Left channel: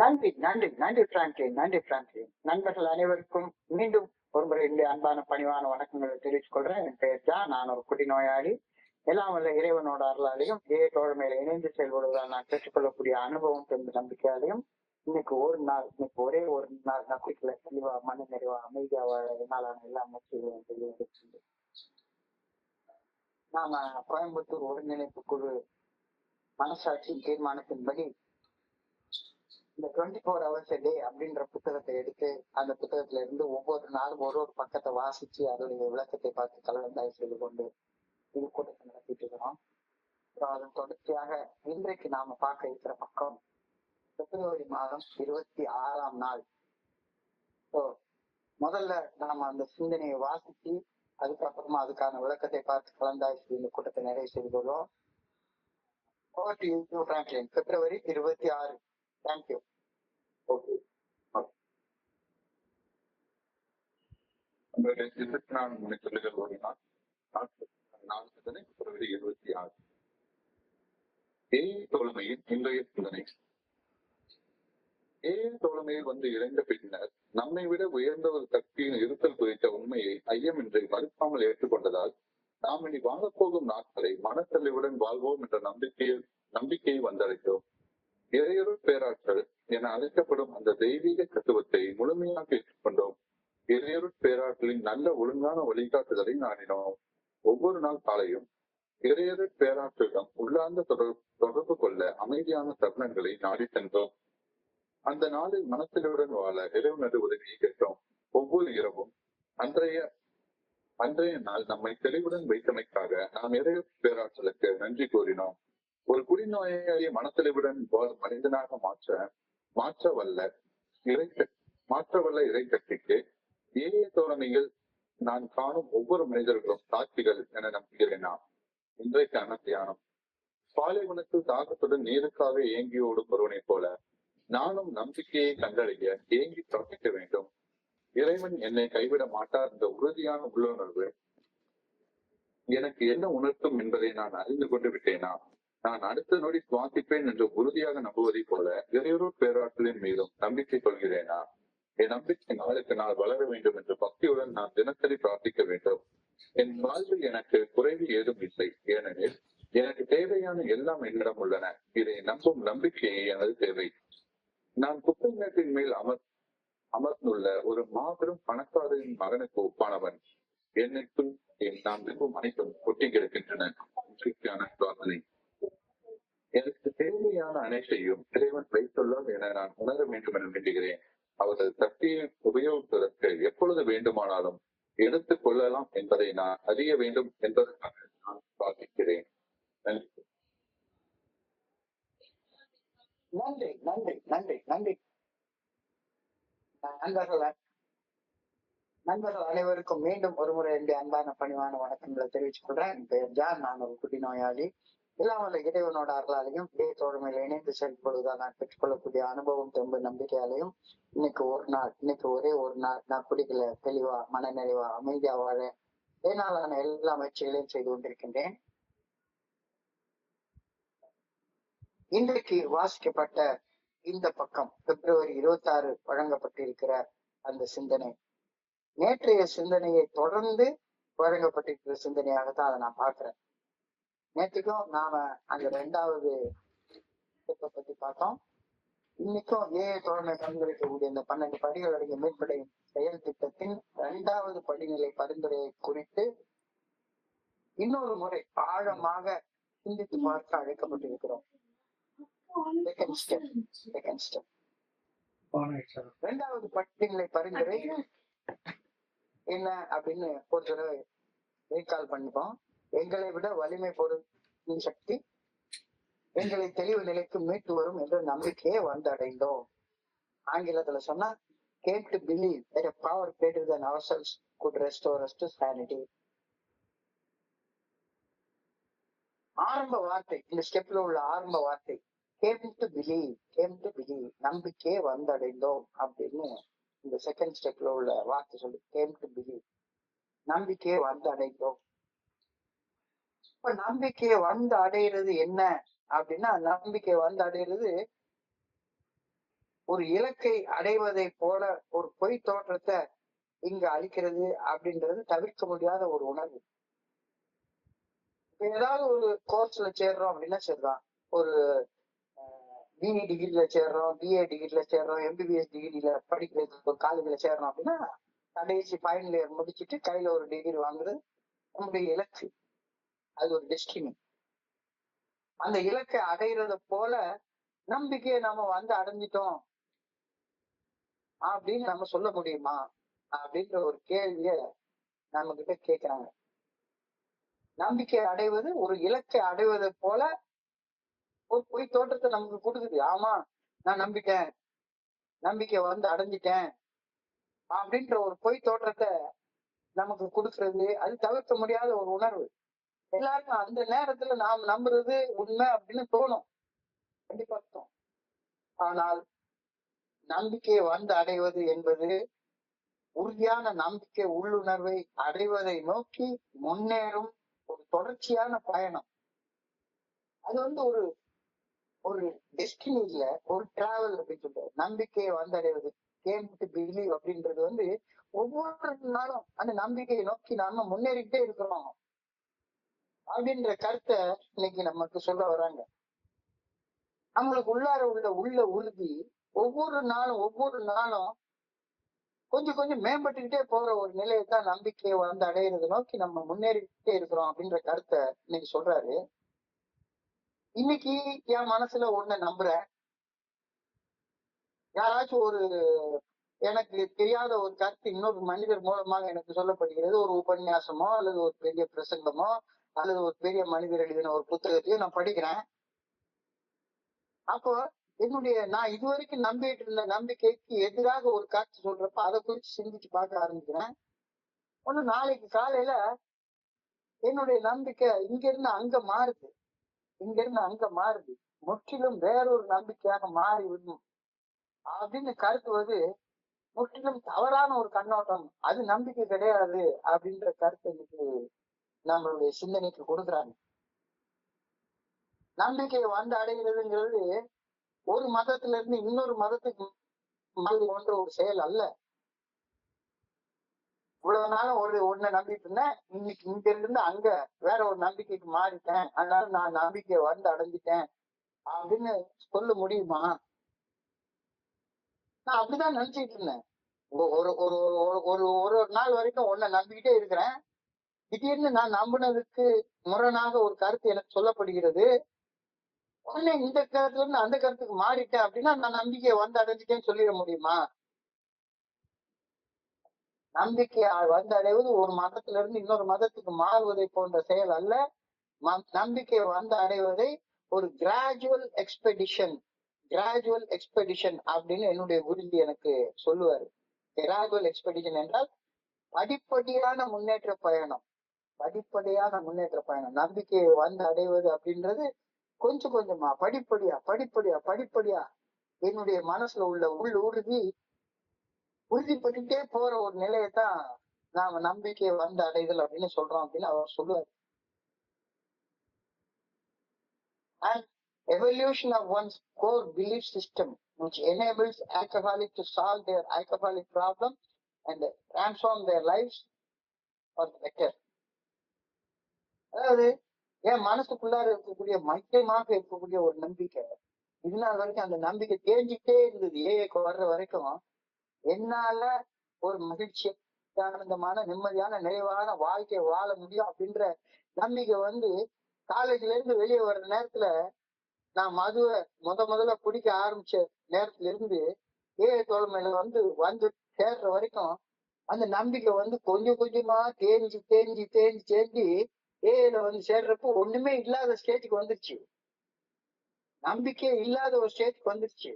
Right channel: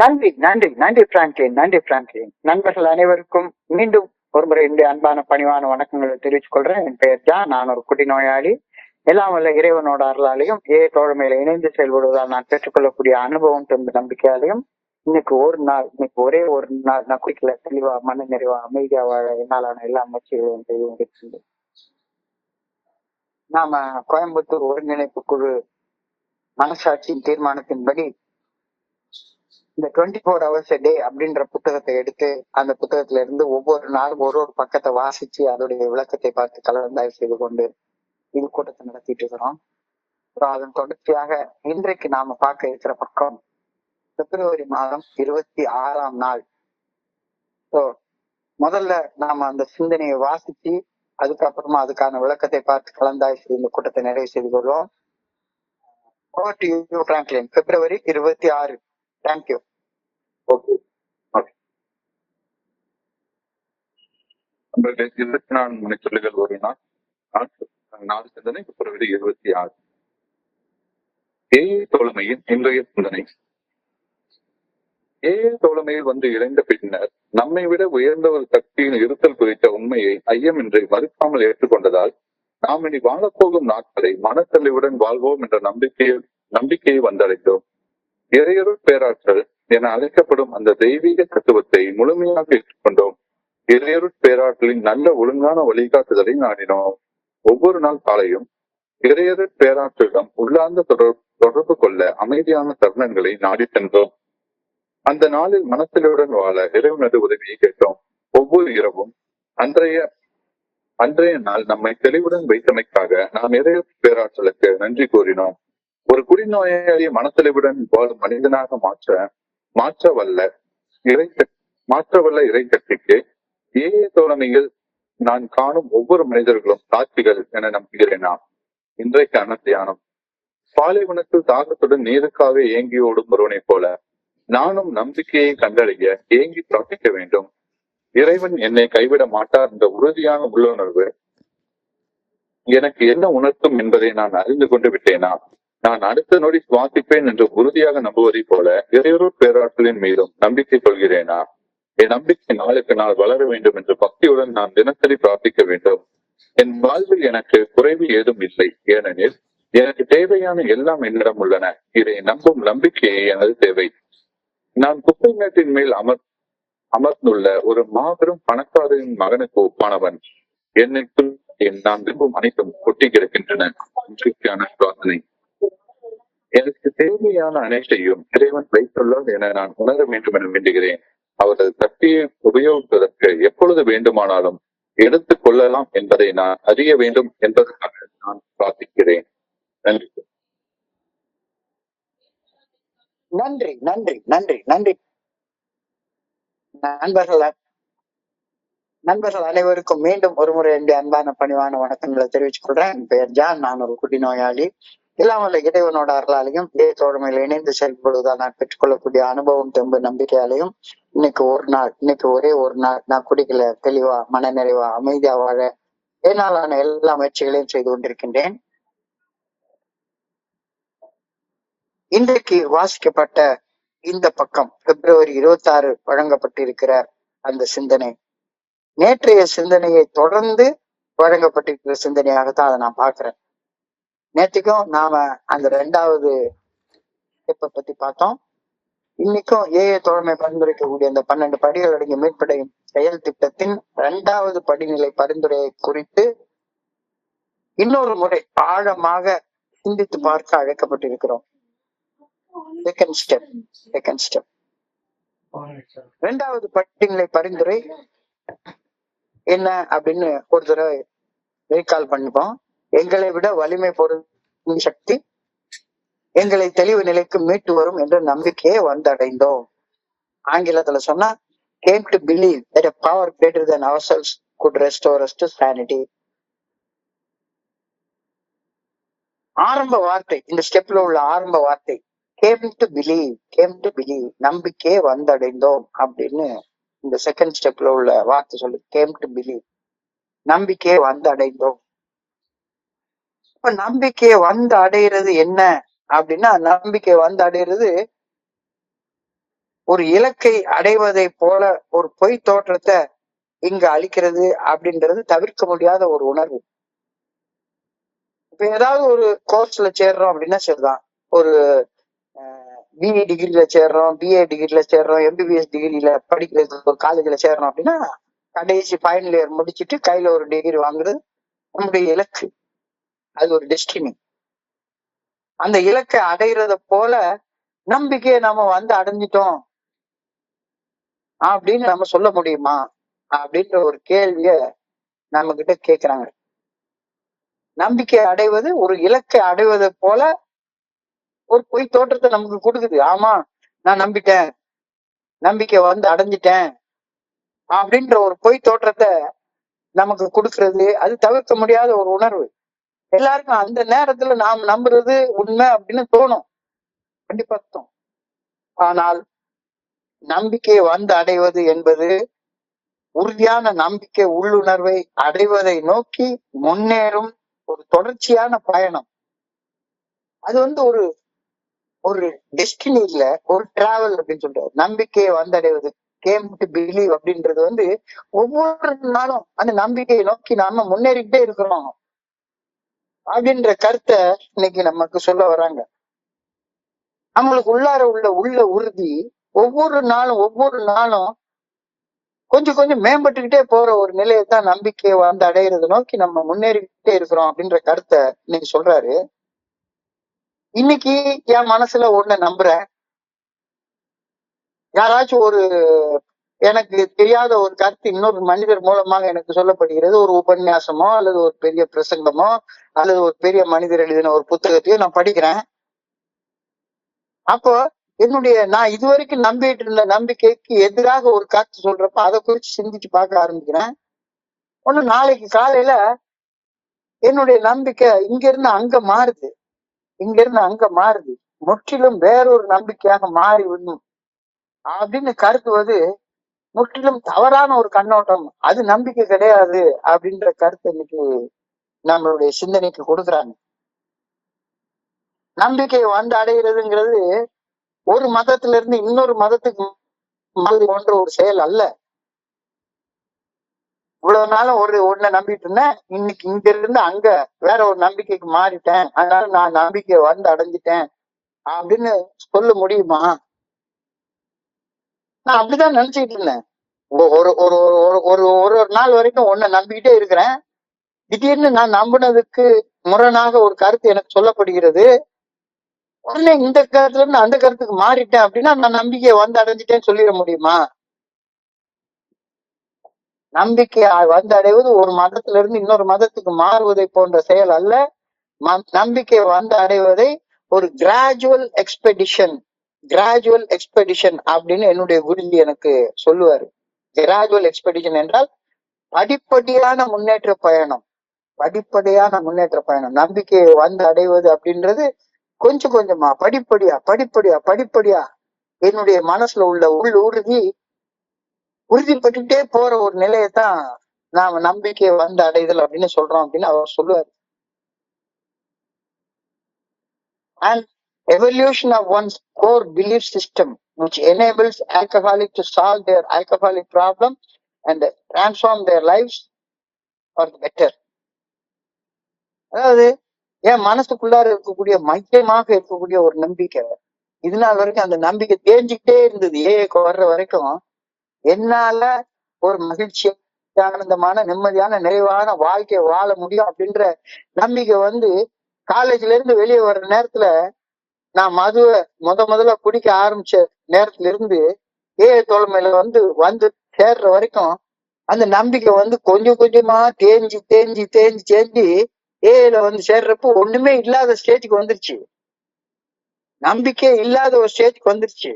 நன்றி நன்றி நன்றி பிராங்க்லின், நன்றி பிராங்க்லின். நண்பர்கள் அனைவருக்கும் மீண்டும் ஒருமுறை என்னுடைய அன்பான பணிவான வணக்கங்களை தெரிவித்துக் கொள்றேன். என் பெயர் ஜான். நான் ஒரு குடி நோயாளி. எல்லாம் வல்ல இறைவனோட அருளாலையும் தோழமையில இணைந்து செயல்படுவதால் நான் பெற்றுக்கொள்ளக்கூடிய அனுபவம் தந்த நம்பிக்கையாலையும் இன்னைக்கு ஒரே ஒரு நாள் நான் குடிக்கல, தெளிவா மன நிறைவா அமைதியா வாழ என்னாலான எல்லா முயற்சிகளையும் செய்து கொண்டிருக்கின்றேன். நாம கோயம்புத்தூர் ஒருங்கிணைப்பு குழு மனசாட்சியின் தீர்மானத்தின்படி இந்த 24 hours a day அப்படின்ற புத்தகத்தை எடுத்து அந்த புத்தகத்துல இருந்து ஒவ்வொரு நாளும் ஒரு பக்கத்தை வாசிச்சு அதோடைய விளக்கத்தை பார்த்து கலந்தாய்வு செய்து கொண்டு இது கூட்டத்தை நடத்திட்டு இருக்கிறோம். அதன் தொடர்ச்சியாக இன்றைக்கு நாம பார்க்க இருக்கிற பக்கம் பிப்ரவரி மாதம் 26ஆம் நாள். முதல்ல நாம அந்த சிந்தனையை வாசிச்சு அதுக்கப்புறமா அதுக்கான விளக்கத்தை பார்த்து கலந்தாய்வு செய்து இந்த கூட்டத்தை நிறைவு செய்து கொள்வோம். பிப்ரவரி 26. தேங்க்யூ. ஓகே, 24 மணித்துளிகள் ஒரு நாள் சிந்தனை பிப்ரவரி 26. தோழமையின் இன்றைய சிந்தனை. தோழமையில் வந்து இணைந்த பின்னர் நம்மை விட உயர்ந்த ஒரு சக்தியின் இருத்தல் குறித்த உண்மையை ஐயமின்றி மறுக்காமல் ஏற்றுக்கொண்டதால் நாம் இனி வாழப்போகும் நாட்களை மனத்தெளிவுடன் வாழ்வோம் என்ற நம்பிக்கையை வந்தடைந்தோம். இறையருள் பேராற்றல் என அழைக்கப்படும் அந்த தெய்வீக தத்துவத்தை முழுமையாக ஏற்றுக்கொண்டோம். இறையருள் பேராற்றலின் நல்ல ஒழுங்கான வழிகாட்டுதலை நாடினோம். ஒவ்வொரு நாள் காலையும் இறையருள் பேராற்றலிடம் உள்ளார்ந்த தொடர்பு கொள்ள அமைதியான தருணங்களை நாடி சென்றோம். அந்த நாளில் மனத்திலுடன் வாழ இறைவனது உதவியை கேட்டோம். ஒவ்வொரு இரவும் அன்றைய நாள் நம்மை தெளிவுடன் வைத்தமைக்காக நாம் இறையருள் பேராற்றலுக்கு நன்றி கூறினோம். ஒரு குடிநோயாளியை மனத்தெளிவுடன் வாழும் மனிதனாக மாற்ற வல்ல இறை சக்திக்கு தோழமையில் நான் காணும் ஒவ்வொரு மனிதர்களும் சாட்சிகள் என நம்புகிறேனா? இன்றைக்கான தியானம். பாலைவனத்தில் தாகத்துடன் நீருக்காக ஏங்கி ஓடும் ஒருவனை போல நானும் நம்பிக்கையை கண்டறிய ஏங்கி பிரார்த்திக்க வேண்டும். இறைவன் என்னை கைவிட மாட்டார் என்ற உறுதியான உள்ளுணர்வு எனக்கு என்ன உணர்த்தும் என்பதை நான் அறிந்து கொண்டு விட்டேனா? நான் அடுத்த நொடி சுவாசிப்பேன் என்று உறுதியாக நம்புவதை போல இறையருள் பேராற்றலின் மீதும் நம்பிக்கை கொள்கிறேனா? என் நம்பிக்கை நாளுக்கு நாள் வளர வேண்டும் என்று பக்தியுடன் நான் தினசரி பிரார்த்திக்க வேண்டும். என் வாழ்வில் எனக்கு குறைவு ஏதும் இல்லை, ஏனெனில் எனக்கு தேவையான எல்லாம் என்னிடம் உள்ளன. இதை நம்பும் நம்பிக்கையே எனது தேவை. நான் குப்பை மேட்டின் மேல் அமர்ந்துள்ள ஒரு மாபெரும் பணக்காரரின் மகனுக்கு ஒப்பானவன். என்னைக்குள் நான் விரும்பும் அனைத்தும் கொட்டி கிடக்கின்றன. பிரார்த்தனை. எனக்கு தேவையான அனைத்தையும் இறைவன் வைத்துள்ளார் என நான் உணர வேண்டும் என வேண்டுகிறேன். அவரது சக்தியை உபயோகிப்பதற்கு எப்பொழுது வேண்டுமானாலும் எடுத்துக் கொள்ளலாம் என்பதை நான் அறிய வேண்டும் என்பதற்காக நான் பிரார்த்திக்கிறேன். நன்றி. நன்றி நன்றி நன்றி நன்றி. நண்பர்கள் அனைவருக்கும் மீண்டும் ஒருமுறை என்னுடைய அன்பான பணிவான வணக்கங்களை தெரிவித்துக் கொள்றேன். என் பெயர் ஜான். நான் ஒரு குடி நோயாளி. இல்லாமல் இறைவனோட அருளாலையும் தோழமையில இணைந்து செயல்படுவதால் நான் பெற்றுக்கொள்ளக்கூடிய அனுபவம் தெம்பு நம்பிக்கையாலையும் இன்னைக்கு ஒரே ஒரு நாள் நான் குடிக்கல, தெளிவா மன நிறைவா அமைதியா வாழ என்னாலான எல்லா முயற்சிகளையும் செய்து கொண்டிருக்கின்றேன். இன்றைக்கு வாசிக்கப்பட்ட இந்த பக்கம் பிப்ரவரி 26 வழங்கப்பட்டிருக்கிற அந்த சிந்தனை நேற்றைய சிந்தனையை தொடர்ந்து வழங்கப்பட்டிருக்கிற சிந்தனையாகத்தான் அதை நான் பாக்குறேன். நேற்றுக்கும் நாம அந்த 2வது ஸ்டெப்பை பத்தி பார்த்தோம். இன்னைக்கும் தோழமை பரிந்துரைக்கக்கூடிய அந்த 12 படிகள் அடங்கிய மீட்படையும் செயல் திட்டத்தின் 2வது படிநிலை பரிந்துரையை குறித்து இன்னொரு முறை ஆழமாக சிந்தித்து பார்க்க அழைக்கப்பட்டிருக்கிறோம். செகண்ட் ஸ்டெப் 2வது படிநிலை பரிந்துரை என்ன அப்படின்னு ஒரு தடவை ரீகால் பண்ணிப்போம். எங்களை விட வலிமை பொருள் சக்தி எங்களை தெளிவு நிலைக்கு மீட்டு வரும் என்ற நம்பிக்கையை வந்தடைந்தோம். ஆங்கிலத்துல சொன்னா came to believe that a power greater than ourselves could restore us to sanity. ஆரம்ப வார்த்தை, இந்த ஸ்டெப்ல உள்ள ஆரம்ப வார்த்தை came to believe, நம்பிக்கையை வந்தடைந்தோம் அப்படின்னு இந்த செகண்ட் ஸ்டெப்ல உள்ள வார்த்தை சொல்லு. came to believe, நம்பிக்கையை வந்தடைந்தோம். இப்ப நம்பிக்கையை வந்து அடையிறது என்ன அப்படின்னா, நம்பிக்கை வந்து அடையிறது ஒரு இலக்கை அடைவதை போல ஒரு பொய் தோற்றத்தை இங்க அளிக்கிறது அப்படின்றது தவிர்க்க முடியாத ஒரு உணர்வு. இப்ப ஏதாவது ஒரு கோர்ஸ்ல சேர்றோம் அப்படின்னா சரிதான், ஒரு பிஇ டிகிரில சேர்றோம், பிஏ டிகிரில சேர்றோம், எம்பிபிஎஸ் டிகிரில படிக்கிறதுக்கு ஒரு காலேஜ்ல சேர்றோம் அப்படின்னா கடைசி ஃபைனல் இயர் முடிச்சுட்டு கையில ஒரு டிகிரி வாங்குறது நம்முடைய இலக்கு. அது ஒரு டெஸ்டினி. அந்த இலக்கை அடைகிறத போல நம்பிக்கையை நம்ம வந்து அடைஞ்சிட்டோம் அப்படின்னு நம்ம சொல்ல முடியுமா அப்படின்ற ஒரு கேள்விய நம்ம கிட்ட கேக்குறாங்க. நம்பிக்கை அடைவது ஒரு இலக்கை அடைவதை போல ஒரு பொய் தோற்றத்தை நமக்கு கொடுக்குது. ஆமா, நான் நம்பிட்டேன், நம்பிக்கை வந்து அடைஞ்சிட்டேன் அப்படின்ற ஒரு பொய் தோற்றத்தை நமக்கு கொடுக்கறது அது தவிர்க்க முடியாத ஒரு உணர்வு. எல்லாருக்கும் அந்த நேரத்துல நாம் நம்புறது உண்மை அப்படின்னு தோணும், கண்டிப்பா தோணும். ஆனால் நம்பிக்கையை வந்து அடைவது என்பது உறுதியான நம்பிக்கை உள்ளுணர்வை அடைவதை நோக்கி முன்னேறும் ஒரு தொடர்ச்சியான பயணம். அது வந்து ஒரு ஒரு டெஸ்டினி இல்ல, ஒரு டிராவல் அப்படின்னு சொல்றாரு. நம்பிக்கையை வந்தடைவது, கேம் டு பிலீவ் அப்படின்றது வந்து ஒவ்வொரு நாளும் அந்த நம்பிக்கையை நோக்கி நாம முன்னேறிக்கிட்டே இருக்கிறோம் அப்படின்ற கருத்தை இன்னைக்கு நமக்கு சொல்ல வராங்க. நம்மளுக்கு உள்ளார உள்ள உறுதி ஒவ்வொரு நாளும் கொஞ்சம் கொஞ்சம் மேம்பட்டுக்கிட்டே போற ஒரு நிலையை தான் நம்பிக்கையை வந்து அடையிறத நோக்கி நம்ம முன்னேறிக்கிட்டே இருக்கிறோம் அப்படின்ற கருத்தை இன்னைக்கு சொல்றாரு. இன்னைக்கு என் மனசுல ஒண்ணு நம்புறேன், யாராச்சும் ஒரு எனக்கு தெரியாத ஒரு கருத்து இன்னொரு மனிதர் மூலமாக எனக்கு சொல்லப்படுகிறது, ஒரு உபன்யாசமோ அல்லது ஒரு பெரிய பிரசங்கமோ அல்லது ஒரு பெரிய மனிதர் எழுதின ஒரு புத்தகத்தையோ நான் படிக்கிறேன். அப்போ நான் இதுவரைக்கும் நம்பிட்டு இருந்த நம்பிக்கைக்கு எதிராக ஒரு கருத்து சொல்றப்ப அதை குறித்து சிந்திச்சு பார்க்க ஆரம்பிக்கிறேன். ஒண்ணு நாளைக்கு காலையில என்னுடைய நம்பிக்கை இங்க இருந்து அங்க மாறுது, முற்றிலும் வேறொரு நம்பிக்கையாக மாறி விடணும் அப்படின்னு கருத்துவது முற்றிலும் தவறான ஒரு கண்ணோட்டம். அது நம்பிக்கை கிடையாது அப்படின்ற கருத்து இன்னைக்கு நம்மளுடைய சிந்தனைக்கு கொடுக்குறாங்க. நம்பிக்கை வந்து அடைகிறதுங்கிறது ஒரு மதத்துல இருந்து இன்னொரு மதத்துக்கு போன்ற ஒரு செயல் அல்ல. இவ்வளவு நாளும் ஒன்ன நம்பிட்டு இருந்தேன், இன்னைக்கு இங்க இருந்து அங்க வேற ஒரு நம்பிக்கைக்கு மாறிட்டேன், அதனால நான் நம்பிக்கையை வந்து அடைஞ்சிட்டேன் அப்படின்னு சொல்ல முடியுமா? நான் அப்படிதான் நினைச்சுக்கிட்டு இருந்தேன். ஒரு ஒரு ஒரு ஒரு நாள் வரைக்கும் ஒன்ன நம்பிக்கிட்டே இருக்கிறேன். திடீர்னு நான் நம்பினதுக்கு முரணாக ஒரு கருத்து எனக்கு சொல்லப்படுகிறது. உடனே இந்த கருத்துல இருந்து அந்த கருத்துக்கு மாறிட்டேன் அப்படின்னா நான் நம்பிக்கையை வந்து அடைஞ்சிட்டேன்னு சொல்லிட முடியுமா? நம்பிக்கை வந்து அடைவது ஒரு மதத்துல இருந்து இன்னொரு மதத்துக்கு மாறுவதை போன்ற செயல் அல்ல. நம்பிக்கை வந்து அடைவதை ஒரு கிராஜுவல் எக்ஸ்பெடிஷன் அப்படின்னு என்னுடைய குருஜி எனக்கு சொல்லுவாரு. கிராஜுவல் எக்ஸ்பெடிஷன் என்றால் படிப்படியான முன்னேற்ற பயணம். நம்பிக்கையை வந்து அடைவது அப்படின்றது கொஞ்சம் கொஞ்சமா படிப்படியா என்னுடைய மனசுல உள்ள உறுதிப்பட்டுட்டே போற ஒரு நிலையத்தான் நாம நம்பிக்கையை வந்து அடைதல் அப்படின்னு சொல்றோம் அப்படின்னு அவர் சொல்லுவார். And evolution of one's core belief system which enables alcoholic to solve their alcoholic problem and transform their lives for the better. அதாவது என் மனசுக்குள்ளார இருக்கக்கூடிய மையமாக இருக்கக்கூடிய ஒரு நம்பிக்கை, இது நாள் வரைக்கும் அந்த நம்பிக்கை தேஞ்சிக்கிட்டே இருந்தது. ஏஏக்கு வர்ற வரைக்கும் என்னால ஒரு மகிழ்ச்சி, ஆனந்தமான, நிம்மதியான, நிறைவான வாழ்க்கையை வாழ முடியும் அப்படின்ற நம்பிக்கை வந்து காலேஜ்ல இருந்து வெளியே வர்ற நேரத்துல நான் மதுவை முதல்ல குடிக்க ஆரம்பிச்ச நேரத்துல இருந்து தோழமையில வந்து சேர்ற வரைக்கும் அந்த நம்பிக்கை வந்து கொஞ்சம் கொஞ்சமா தேஞ்சி ஏல வந்து சேர்றப்போ ஒண்ணுமே இல்லாத ஸ்டேஜுக்கு வந்துருச்சு. நம்பிக்கை இல்லாத ஒரு ஸ்டேஜுக்கு வந்துருச்சு.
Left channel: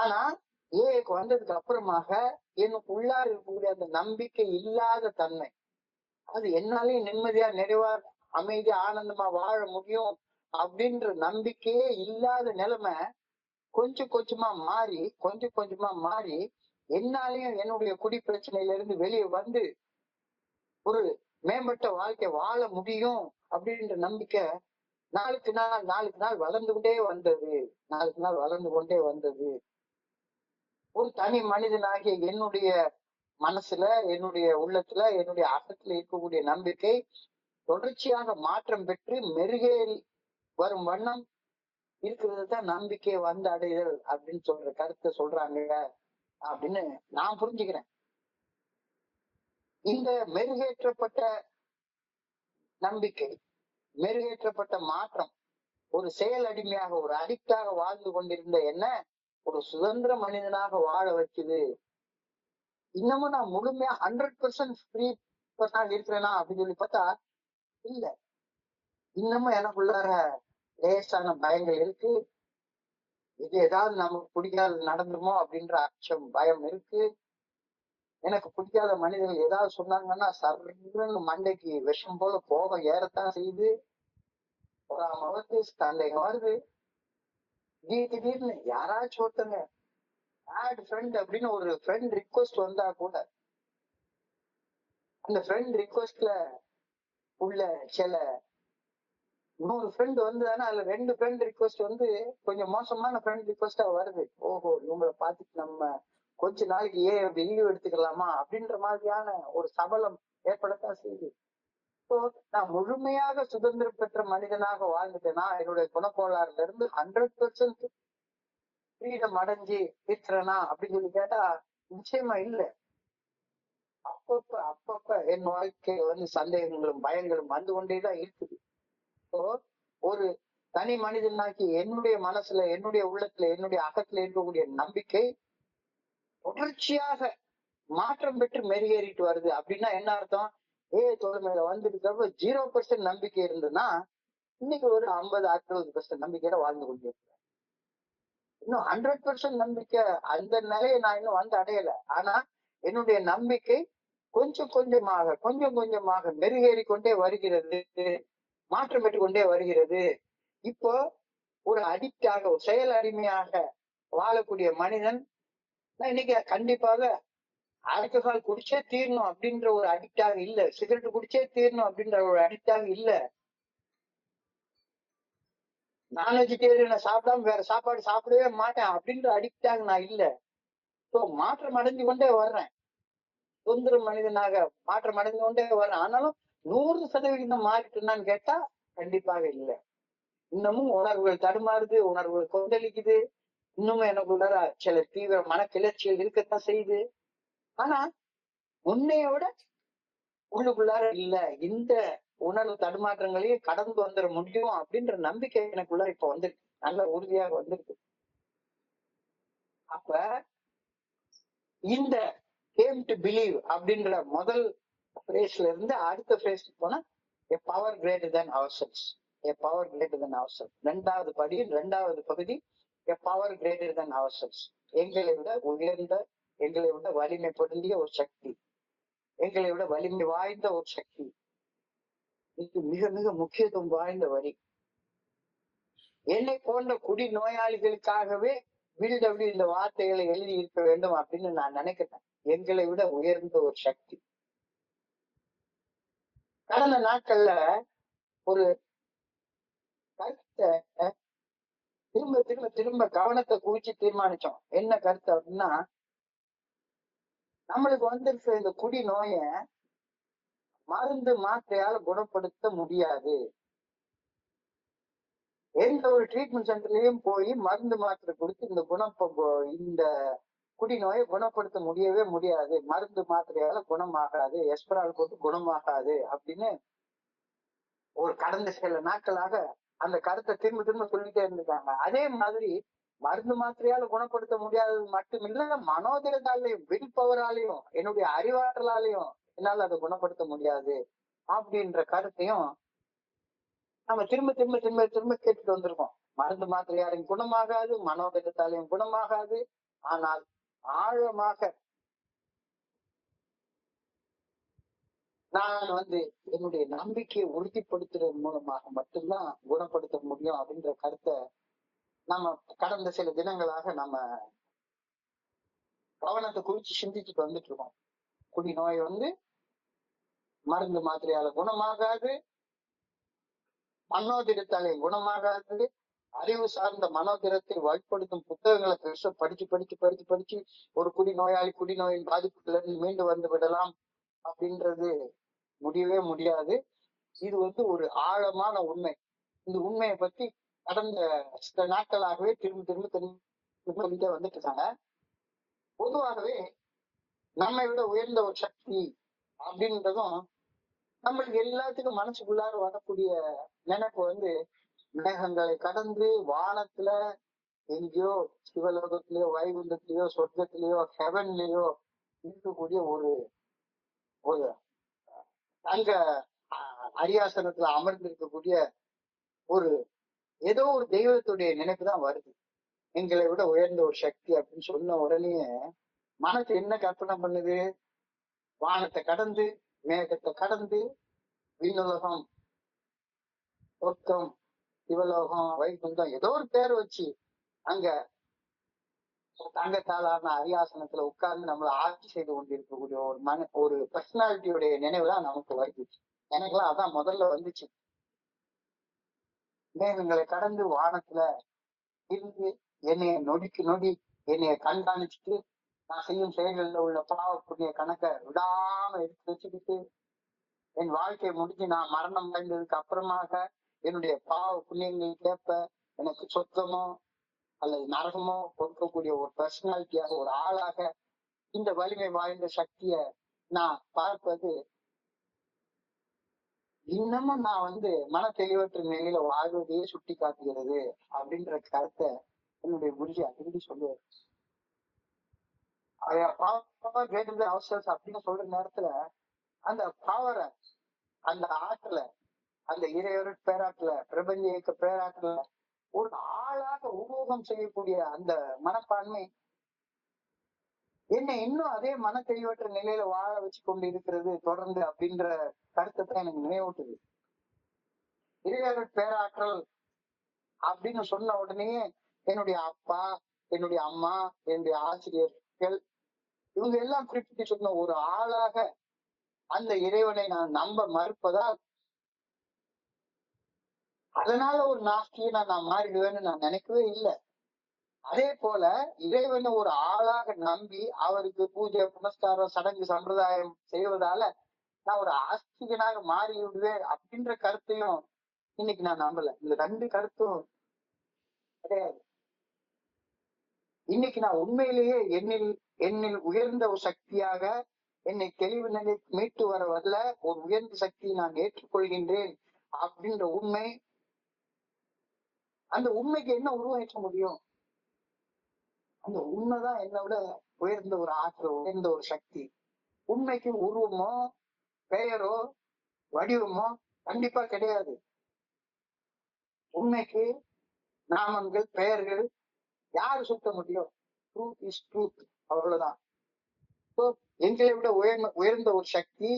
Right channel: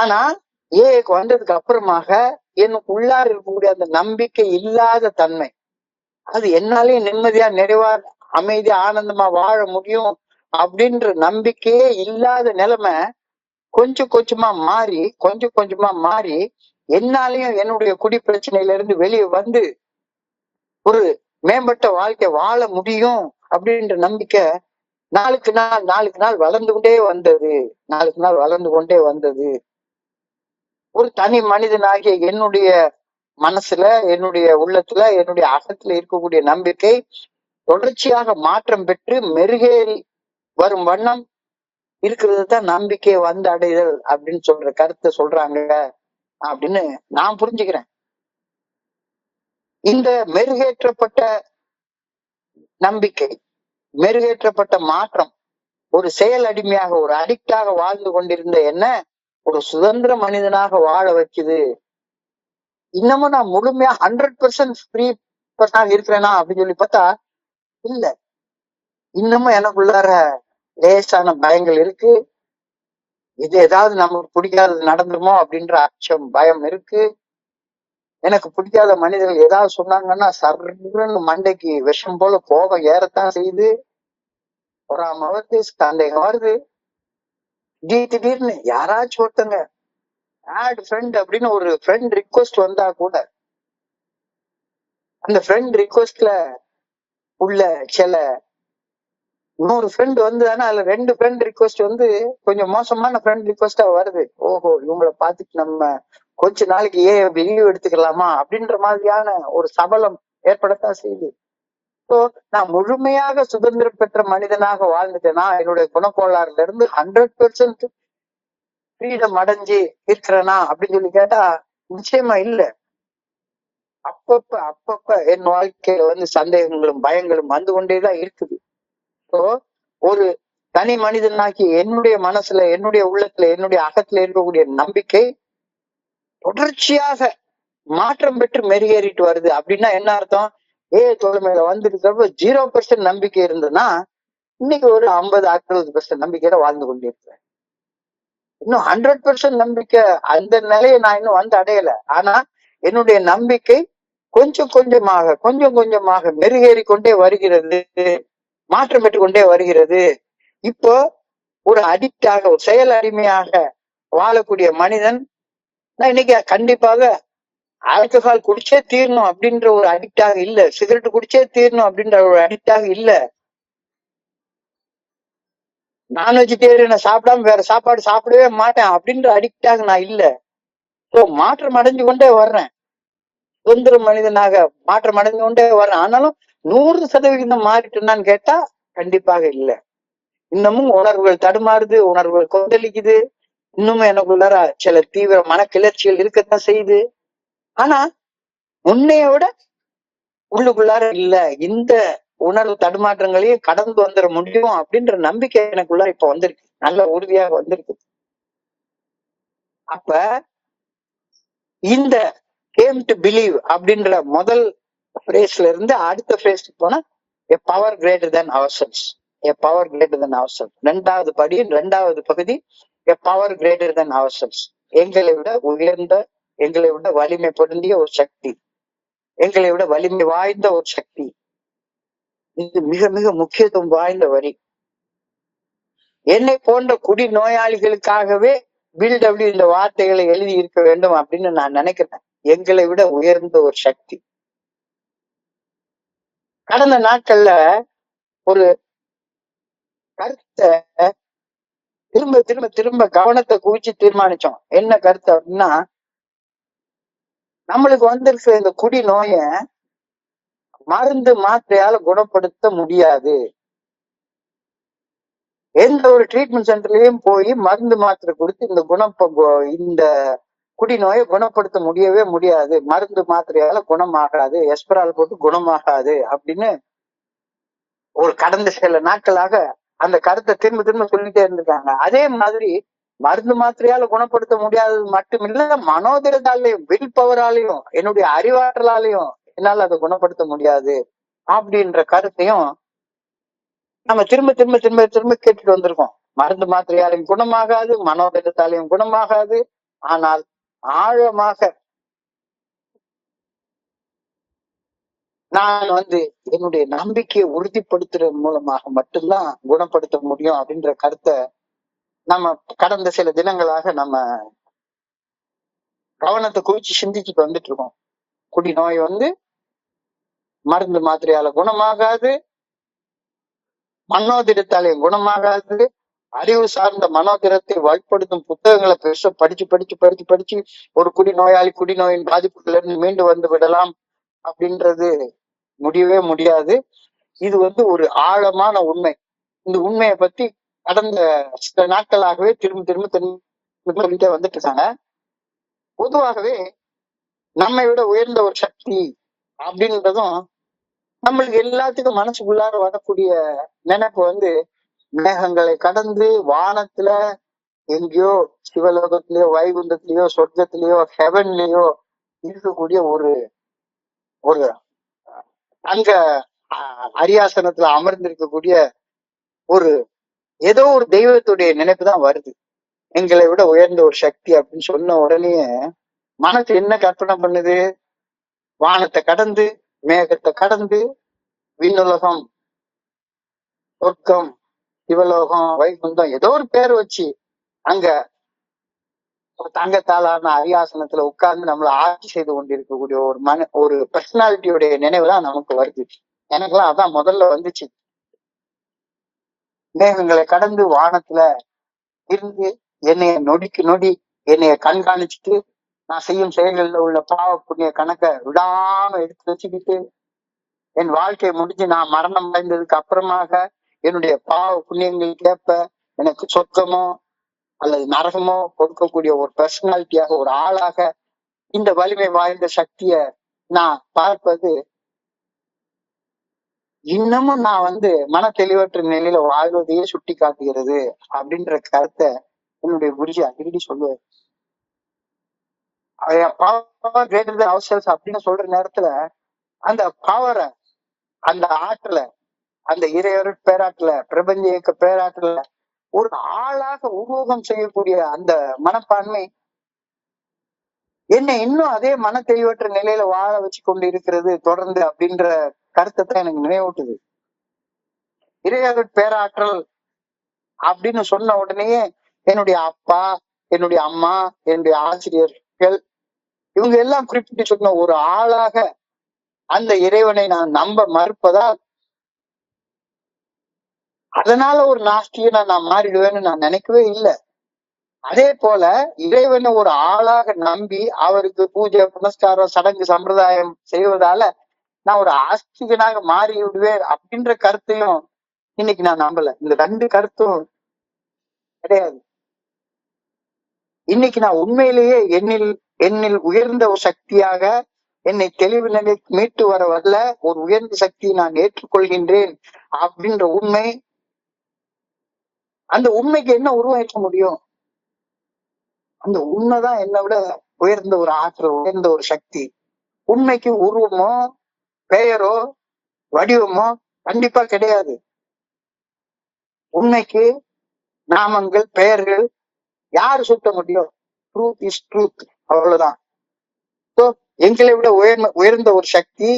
ஆனா ஏக்கு வந்ததுக்கு அப்புறமாக எனக்கு உள்ளார இருக்கக்கூடிய அந்த நம்பிக்கை இல்லாத தன்மை, அது என்னாலேயும் நிம்மதியா, நிறைவா, அமைதியா, ஆனந்தமா வாழ முடியும் அப்படின்ற நம்பிக்கையே இல்லாத நிலைமை கொஞ்சம் கொஞ்சமா மாறி என்னாலையும் என்னுடைய குடி பிரச்சனையில இருந்து வெளியே வந்து ஒரு மேம்பட்ட வாழ்க்கை வாழ முடியும் அப்படின்ற நம்பிக்கை நாளுக்கு நாள் வளர்ந்து கொண்டே வந்தது. நாளுக்கு நாள் வளர்ந்து கொண்டே வந்தது. ஒரு தனி மனிதனாகிய என்னுடைய மனசுல, என்னுடைய உள்ளத்துல, என்னுடைய அகத்துல இருக்கக்கூடிய நம்பிக்கை தொடர்ச்சியாக மாற்றம் பெற்று மெருகேறி வரும் வண்ணம் இருக்கிறது தான் நம்பிக்கை வந்து அடைதல் அப்படின்னு சொல்ற கருத்தை சொல்றாங்க அப்படின்னு நான் புரிஞ்சுக்கிறேன். இந்த மெருகேற்றப்பட்ட நம்பிக்கை, மெருகேற்றப்பட்ட மாற்றம் ஒரு செயல் அடிமையாக, ஒரு அடிக்டாக வாழ்ந்து கொண்டிருந்த என்ன ஒரு சுதந்திர மனிதனாக வாழ வைக்குது. இன்னமும் நான் முழுமையா 100% ஃப்ரீ பர்சனாக இருக்கிறேனா அப்படின்னு சொல்லி பார்த்தா இல்ல. இன்னமும் எனக்குள்ளார லேசான பயங்கள் இருக்கு. இது ஏதாவது நமக்கு பிடிக்காதது நடந்துருமோ அப்படின்ற அச்சம், பயம் இருக்கு. எனக்கு பிடிக்காத மனிதர்கள் ஏதாவது சொன்னாங்கன்னா சர்ன்னு மண்டைக்கு விஷம் போல கோபம் ஏறத்தான் செய்யுது. பொறாம வருது, சந்தேகம் வருது. திடீர்னு யாராச்சும் ஒருத்தங்க ஆட் ஃப்ரெண்ட் அப்படின்னு ஒரு ஃப்ரெண்ட் ரிக்வெஸ்ட் வந்தா கூட அந்த ஃப்ரெண்ட் ரிக்வெஸ்ட்ல உள்ள சில 100 ஃப்ரெண்ட் வந்ததுன்னா அதுல 2 ஃப்ரெண்ட் ரிக்வெஸ்ட் வந்து கொஞ்சம் மோசமான ஃப்ரெண்ட் ரிக்வெஸ்டா வருது. ஓஹோ, இவங்களை பார்த்துட்டு நம்ம கொஞ்ச நாளைக்கு லீவ் எடுத்துக்கலாமா அப்படின்ற மாதிரியான ஒரு சபலம் ஏற்படத்தான் செய்யுது. ஸோ நான் முழுமையாக சுதந்திரம் பெற்ற மனிதனாக வாழ்ந்துட்டேனா, என்னுடைய குணக்கோளாறுல இருந்து 100% ஃப்ரீடம் அடைஞ்சு இருக்கிறேனா அப்படின்னு சொல்லி கேட்டா நிச்சயமா இல்ல. அப்பப்ப என் வாழ்க்கையில வந்து சந்தேகங்களும் பயங்களும் வந்து கொண்டேதான் இருக்குது. ஸோ ஒரு தனி மனிதனாக்கி என்னுடைய மனசுல, என்னுடைய உள்ளத்துல, என்னுடைய அகத்துல இருக்கக்கூடிய நம்பிக்கை தொடர்ச்சியாக மாற்றம் பெற்று மெருகேறிட்டு வருது. அப்படின்னா என்ன அர்த்தம்? தோழமையில வந்திருக்கிறப்ப 0% நம்பிக்கை இருந்ததுன்னா இன்னைக்கு ஒரு 50-60% நம்பிக்கையில வாழ்ந்து கொண்டிருக்கிறேன். இன்னும் 100% நம்பிக்கை அந்த நிலையை நான் இன்னும் வந்து அடையல. ஆனா என்னுடைய நம்பிக்கை கொஞ்சம் கொஞ்சமாக மெருகேறி கொண்டே வருகிறது, மாற்றம் பெற்று கொண்டே வருகிறது. இப்போ ஒரு அடிக்டாக, ஒரு செயல் அடிமையாக வாழக்கூடிய மனிதன் நான் இன்னைக்கு கண்டிப்பாக ஆல்கஹால் குடிச்சே தீரணும் அப்படின்ற ஒரு அடிக்டாக இல்ல, சிகரெட் குடிச்சே தீரணும் அப்படின்ற ஒரு அடிக்டாக இல்ல, நான் வெஜிடேரியனை சாப்பிடாம வேற சாப்பாடு சாப்பிடவே மாட்டேன் அப்படின்ற அடிக்டாக நான் இல்ல. ஸோ மாற்றம் அடைஞ்சு கொண்டே வர்றேன், சுதந்திர மனிதனாக மாற்றம் அடைஞ்சு கொண்டே வர்றேன். ஆனாலும் 100% மாறிட்டுனான்னு கேட்டா கண்டிப்பாக இல்ல. இன்னமும் உணர்வுகள் தடுமாறுது, உணர்வுகள் கொந்தளிக்குது, இன்னமும் எனக்குள்ளார சில தீவிர மனக்கிளர்ச்சிகள் இருக்கத்தான் செய்யுது. ஆனா முன்னைய விட உள்ளுக்குள்ளார இல்ல, இந்த உணர்வு தடுமாற்றங்களையும் கடந்து வந்துட முடியும் அப்படின்ற நம்பிக்கை எனக்குள்ளார இப்ப வந்திருக்கு, நல்ல உறுதியாக வந்திருக்கு. அப்ப இந்த கேம் டு பிலீவ் அப்படின்ற முதல் பிரேஸ்ல இருந்து அடுத்த பிரேஸ்க்கு போனா a power greater than ourselves, a power greater than ourselves. இரண்டாவது படி, இரண்டாவது பகுதி a power greater than ourselves. எங்களை விட உயர்ந்த, எங்களை விட வலிமை பொருந்திய ஒரு சக்தி, எங்களை விட வலிமை வாய்ந்த ஒரு சக்தி. இது மிக மிக முக்கியத்துவம் வாய்ந்த வரி. என்னை போன்ற குடி நோயாளிகளுக்காகவே பில்டபிள்யூ இந்த வார்த்தைகளை எழுதி இருக்க வேண்டும் அப்படின்னு நான் நினைக்கிறேன். எங்களை விட உயர்ந்த ஒரு சக்தி. கடந்த நாட்கள்ல ஒரு கருத்தை திரும்ப திரும்ப திரும்ப கவனத்தை குவிச்சு தீர்மானிச்சோம். என்ன கருத்து அப்படின்னா, நம்மளுக்கு வந்திருக்கிற இந்த குடி நோய மருந்து மாத்திரையால குணப்படுத்த முடியாது. எந்த ஒரு ட்ரீட்மெண்ட் சென்டர்லயும் போய் மருந்து மாத்திரை கொடுத்து இந்த குடி நோயை குணப்படுத்த முடியவே முடியாது, மருந்து மாத்திரையால குணமாகாது, எஸ்பரால் போட்டு குணமாகாது அப்படின்னு ஒரு கடந்த சில நாட்களாக அந்த கருத்தை திரும்ப திரும்ப சொல்லிட்டே இருந்திருக்காங்க. அதே மாதிரி மருந்து மாத்திரையால குணப்படுத்த முடியாதது மட்டுமில்ல, மனோதிடத்தாலையும், வில் பவராலையும், என்னுடைய அறிவாற்றலாலையும் என்னால அதை குணப்படுத்த முடியாது அப்படின்ற கருத்தையும் நம்ம திரும்ப திரும்ப திரும்ப திரும்ப கேட்டுட்டு வந்திருக்கோம். மருந்து மாத்திரையாலையும் குணமாகாது, மனோதிடத்தாலையும் குணமாகாது. ஆனால் ஆழமாக நான் என்னுடைய நம்பிக்கையை உறுதிப்படுத்துறது மூலமாக மட்டும்தான் குணப்படுத்த முடியும் அப்படின்ற கருத்தை நம்ம கடந்த சில தினங்களாக நம்ம கவனத்தை குவிச்சு சிந்திச்சுட்டு வந்துட்டு இருக்கோம். குடி நோய் மருந்து மாத்திரையால குணமாகாது, மனோதிடத்தாலே குணமாகாது. அறிவு சார்ந்த மனோதிடத்தை வலுப்படுத்தும் புத்தகங்களை பெருசா படிச்சு ஒரு குடிநோயின் பாதிப்புல இருந்து மீண்டு வந்து விடலாம் அப்படின்றது முடியவே முடியாது. இது ஒரு ஆழமான உண்மை. இந்த உண்மையை பத்தி கடந்த சில நாட்களாகவே திரும்ப சொல்லிட்டே வந்துட்டு இருக்காங்க. பொதுவாகவே நம்மை விட உயர்ந்த ஒரு சக்தி அப்படின்றதும் நம்மளுக்கு எல்லாத்துக்கும் மனசுக்குள்ளார வரக்கூடிய நினைப்பு மேகங்களை கடந்து வானத்துல எங்கேயோ சிவலோகத்திலயோ வைகுண்டத்திலயோ சொர்க்கத்திலயோ ஹெவன்லயோ இருக்கக்கூடிய ஒரு ஒரு அங்க அரியாசனத்துல அமர்ந்திருக்கக்கூடிய ஒரு ஏதோ ஒரு தெய்வத்துடைய நினைப்பு தான் வருது. எங்களை விட உயர்ந்த ஒரு சக்தி அப்படின்னு சொன்ன உடனே மனசு என்ன கற்பனை பண்ணுது? வானத்தை கடந்து மேகத்தை கடந்து விண்ணுலகம், சொர்க்கம், சிவலோகம், வைகுண்டம் ஏதோ ஒரு பேர் வச்சு அங்க தங்கத்தாலான அரியாசனத்துல உட்கார்ந்து நம்மள ஆட்சி செய்து கொண்டிருக்கக்கூடிய ஒரு பர்சனாலிட்டியுடைய நினைவுதான் நமக்கு வருது. எனக்கெல்லாம் அதான் முதல்ல வந்துச்சு. மேகங்களை கடந்து வானத்துல இருந்து என்னைய நொடிக்கு நொடி என்னைய கண்காணிச்சுட்டு நான் செய்யும் செயல்கள்ல உள்ள பாவ புண்ணிய கணக்கை விடாம எடுத்து வச்சுக்கிட்டு என் வாழ்க்கை முடிஞ்சு நான் மரணம் அடைந்ததுக்கு அப்புறமாக என்னுடைய பாவ புண்ணியங்களுக்கு ஏற்ப எனக்கு சொர்க்கமோ அல்லது நரகமோ கொடுக்கக்கூடிய ஒரு பர்சனாலிட்டியாக ஒரு ஆளாக இந்த வலிமை வாய்ந்த சக்திய நான் பார்ப்பது இன்னமும் நான் மன தெளிவற்ற நிலையில வாழ்வதையே சுட்டி காட்டுகிறது அப்படின்ற கருத்தை என்னுடைய குருஜி அடிக்கடி சொல்லுவார். பவர் கிரேட்டர் தென் அவர்செல்ஸ் அப்படின்னு சொல்ற நேரத்துல அந்த பவரை, அந்த ஆற்றலை, அந்த இறையொரு பேராற்றல, பிரபஞ்ச இயக்க பேராற்றல ஒரு ஆளாக உருவகம் செய்யக்கூடிய அந்த மனப்பான்மை என்னை இன்னும் அதே மன தெளிவற்ற நிலையில வாழ வச்சு கொண்டு இருக்கிறது தொடர்ந்து அப்படின்ற கருத்தை தான் எனக்கு நினைவூட்டுது. இறையொரு பேராற்றல் அப்படின்னு சொன்ன உடனேயே என்னுடைய அப்பா, என்னுடைய அம்மா, என்னுடைய ஆசிரியர்கள் இவங்க எல்லாம் குறிப்பிட்டு சொன்ன ஒரு ஆளாக அந்த இறைவனை நான் நம்ப மறுப்பதால் அதனால ஒரு நாஸ்தியனா நான் மாறிடுவேன்னு நான் நினைக்கவே இல்லை. அதே போல இறைவனை ஒரு ஆளாக நம்பி அவருக்கு பூஜை புனஸ்காரம் சடங்கு சம்பிரதாயம் செய்வதால நான் ஒரு ஆஸ்திகனாக மாறி விடுவேன் அப்படின்ற கருத்தையும் இன்னைக்கு நான் நம்பல. இந்த ரெண்டு கருத்தும் கிடையாது. இன்னைக்கு நான் உண்மையிலேயே என்னில் உயர்ந்த ஒரு சக்தியாக என்னை தெளிவு நிலை மீட்டு வர வரல ஒரு உயர்ந்த சக்தியை நான் ஏற்றுக்கொள்கின்றேன் அப்படின்ற உண்மை. அந்த உண்மைக்கு என்ன உருவாக்க முடியும்? அந்த உண்மைதான் என்னை விட உயர்ந்த ஒரு ஆற்றல், உயர்ந்த ஒரு சக்தி. உண்மைக்கு உருவமோ பெயரோ வடிவமோ கண்டிப்பா கிடையாது. உண்மைக்கு நாமங்கள் பெயர்கள் யாரு சுட்ட முடியும்? ட்ரூத் இஸ் ட்ரூத், அவ்வளவுதான். எங்களை விட உயர்ந்த ஒரு சக்தி,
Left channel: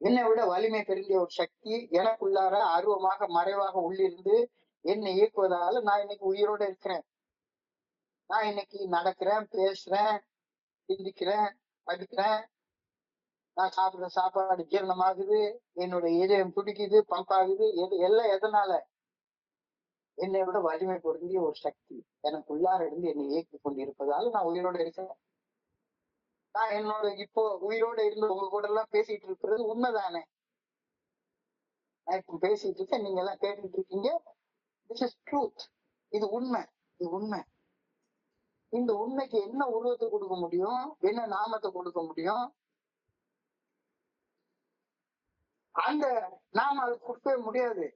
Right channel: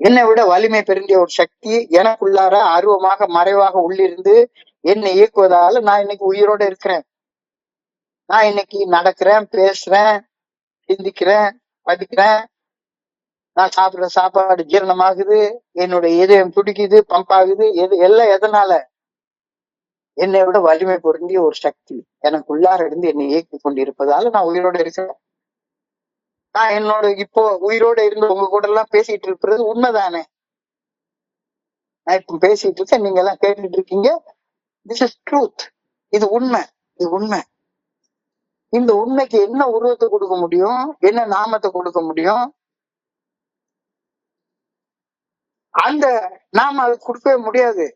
என்னை விட வலிமை பெருந்திய ஒரு சக்தி எனக்குள்ளார அருவமாக மறைவாக உள்ளிருந்து என்னை இயக்குவதால நான் இன்னைக்கு உயிரோட இருக்கிறேன். நான் இன்னைக்கு நடக்கிறேன், பேசுறேன், சிந்திக்கிறேன், படிக்கிறேன், நான் சாப்பிடுற சாப்பாடு ஜீரணமாகுது, என்னுடைய இதயம் துடிக்குது, பம்ப் ஆகுது. எல்லாம் எதனால? என்னை விட வலிமை பொருந்திய ஒரு சக்தி எனக்குள்ளார இருந்து என்னை இயக்கி கொண்டிருப்பதால நான் உயிரோட இருக்கிறேன். நான் இப்போ உயிரோட இருந்து உங்க கூட எல்லாம் பேசிட்டு இருக்கிறது உண்மைதானே? நான் இப்ப பேசிட்டு இருக்கேன், நீங்க எல்லாம் கேட்டுட்டு இருக்கீங்க. This is truth. இது உண்மை, இது உண்மை. இந்த உண்மைக்கு என்ன உருவத்தை கொடுக்க முடியும்? என்ன நாமத்தை கொடுக்க முடியும்? அந்த நாம அது கொடுக்கவே முடியாது.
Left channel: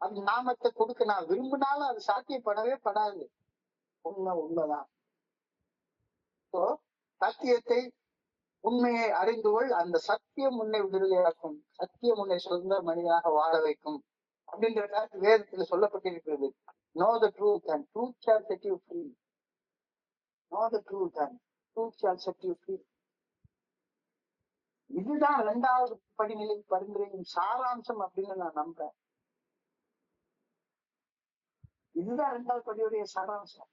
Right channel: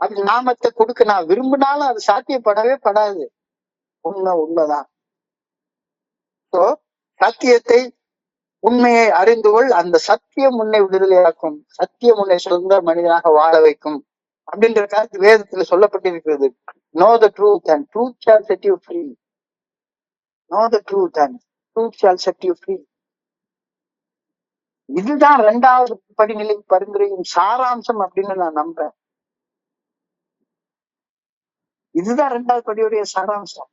அந்த நாமத்தை கொடுக்க நான் விரும்பினாலும் அது சாத்தியப்படவே படாது. உண்மைதான். சத்தியத்தை, உண்மையை அறிந்து கொள், அந்த சத்தியம் உன்னை விடுதலையாக்கும், சத்தியம் உன்னை சுதந்திர மனிதனாக வாழ வைக்கும் அப்படின்ற கருத்து வேதத்துல சொல்லப்பட்டிருக்கிறது. Know the truth and truth shall set you free. Know the truth and truth shall set you free. இதுதான் 2வது படிநிலை பரிந்துரையின் சாராம்சம் அப்படின்னு நான் நம்புறேன். இதுதான் 2வது படியுடைய சாராம்சம்.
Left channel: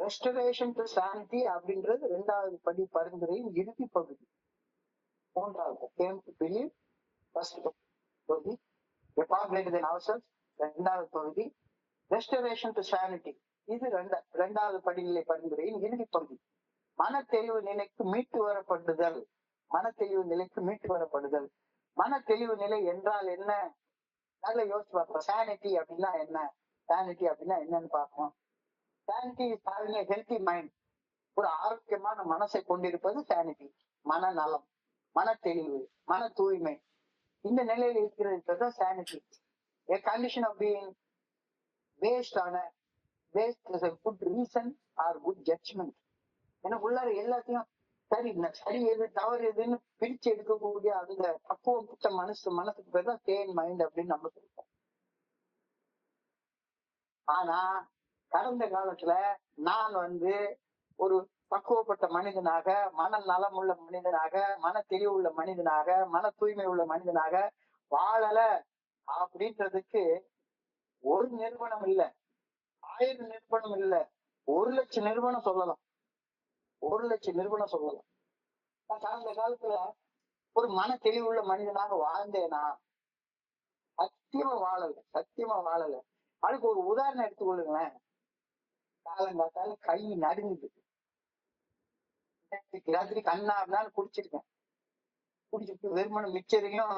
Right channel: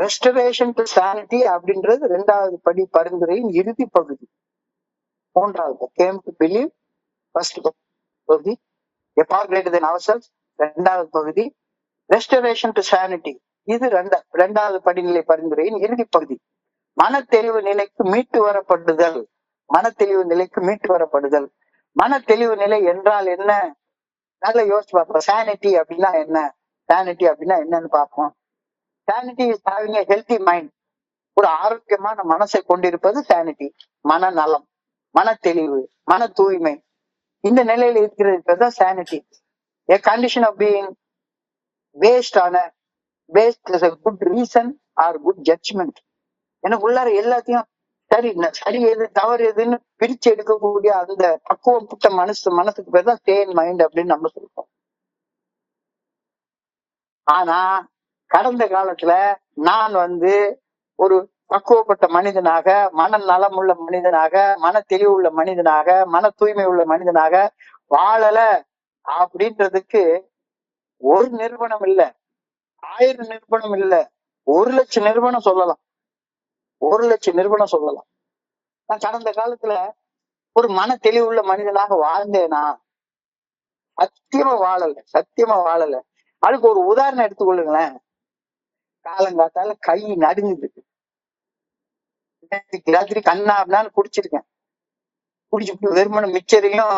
ரெஸ்டரேஷன் டு சானிட்டி அப்படின்றது 2வது படி பரிந்துரையின் இறுதி பகுதி. 3வது கேம் டு பிலீவ், ஃபர்ஸ்ட் பகுதி A far greater than ourselves. இரண்டாவது பகுதி ரெஸ்டரேஷன் டு சானிட்டி. இது இரண்டாவது படிநிலை பரிந்துரையின் இறுதி பகுதி. மனத்தெளிவு நிலைக்கு மீட்டு வரப்படுதல். மனத்தெளிவு நிலைக்கு மீட்டு வரப்படுதல். மனத்தெளிவு நிலை என்றால் என்ன? நல்லா யோசிச்சு பார்ப்போம். சானிட்டி அப்படின்னா என்ன? சானிட்டி அப்படின்னா என்னன்னு பார்ப்போம். Sanity is having a healthy mind. ஒரு ஆரோக்கியமான மனசை கொண்டிருப்பது சானிட்டி. மனநலம், மன தெளிவு, மன தூய்மை, இந்த நிலையில இருக்கிறது தான் sanity. A condition of being based on a good reason or good judgment. எனக்கு உள்ளார எல்லாத்தையும் சரி எது தவறு எதுன்னு பிரிச்சு எடுக்கக்கூடிய அந்த பக்குவப்பட்ட மனசுக்கு பேர் தான் சேன் மைண்ட் அப்படின்னு நம்ம சொல்றோம். ஆனா கடந்த காலத்துல நான் ஒரு பக்குவப்பட்ட மனிதனாக, மன நலம் உள்ள மனிதனாக, மன தெளிவு உள்ள மனிதனாக, மன தூய்மை உள்ள மனிதனாக வாழல அப்படின்றதுக்கு ஒரு நிறுவனம் இல்ல, 1000 நிறுவனம் இல்ல, 1,00,000 நிறுவனம் சொல்லலாம். 1,00,000 நிறுவனம் சொல்லலாம். நான் கடந்த காலத்துல ஒரு மன தெளிவுள்ள மனிதனாக வாழ்ந்தேனா? சத்தியமா வாழல. அதுக்கு ஒரு உதாரணம் எடுத்துக்கொள்ளுங்களேன். காலங்காத்தால கை நடுங்குது. ராத்திரி கண்ணா அப்படின்னு குடிச்சிருக்கேன். குடிச்சுட்டு வெறுமன மிச்சரையும்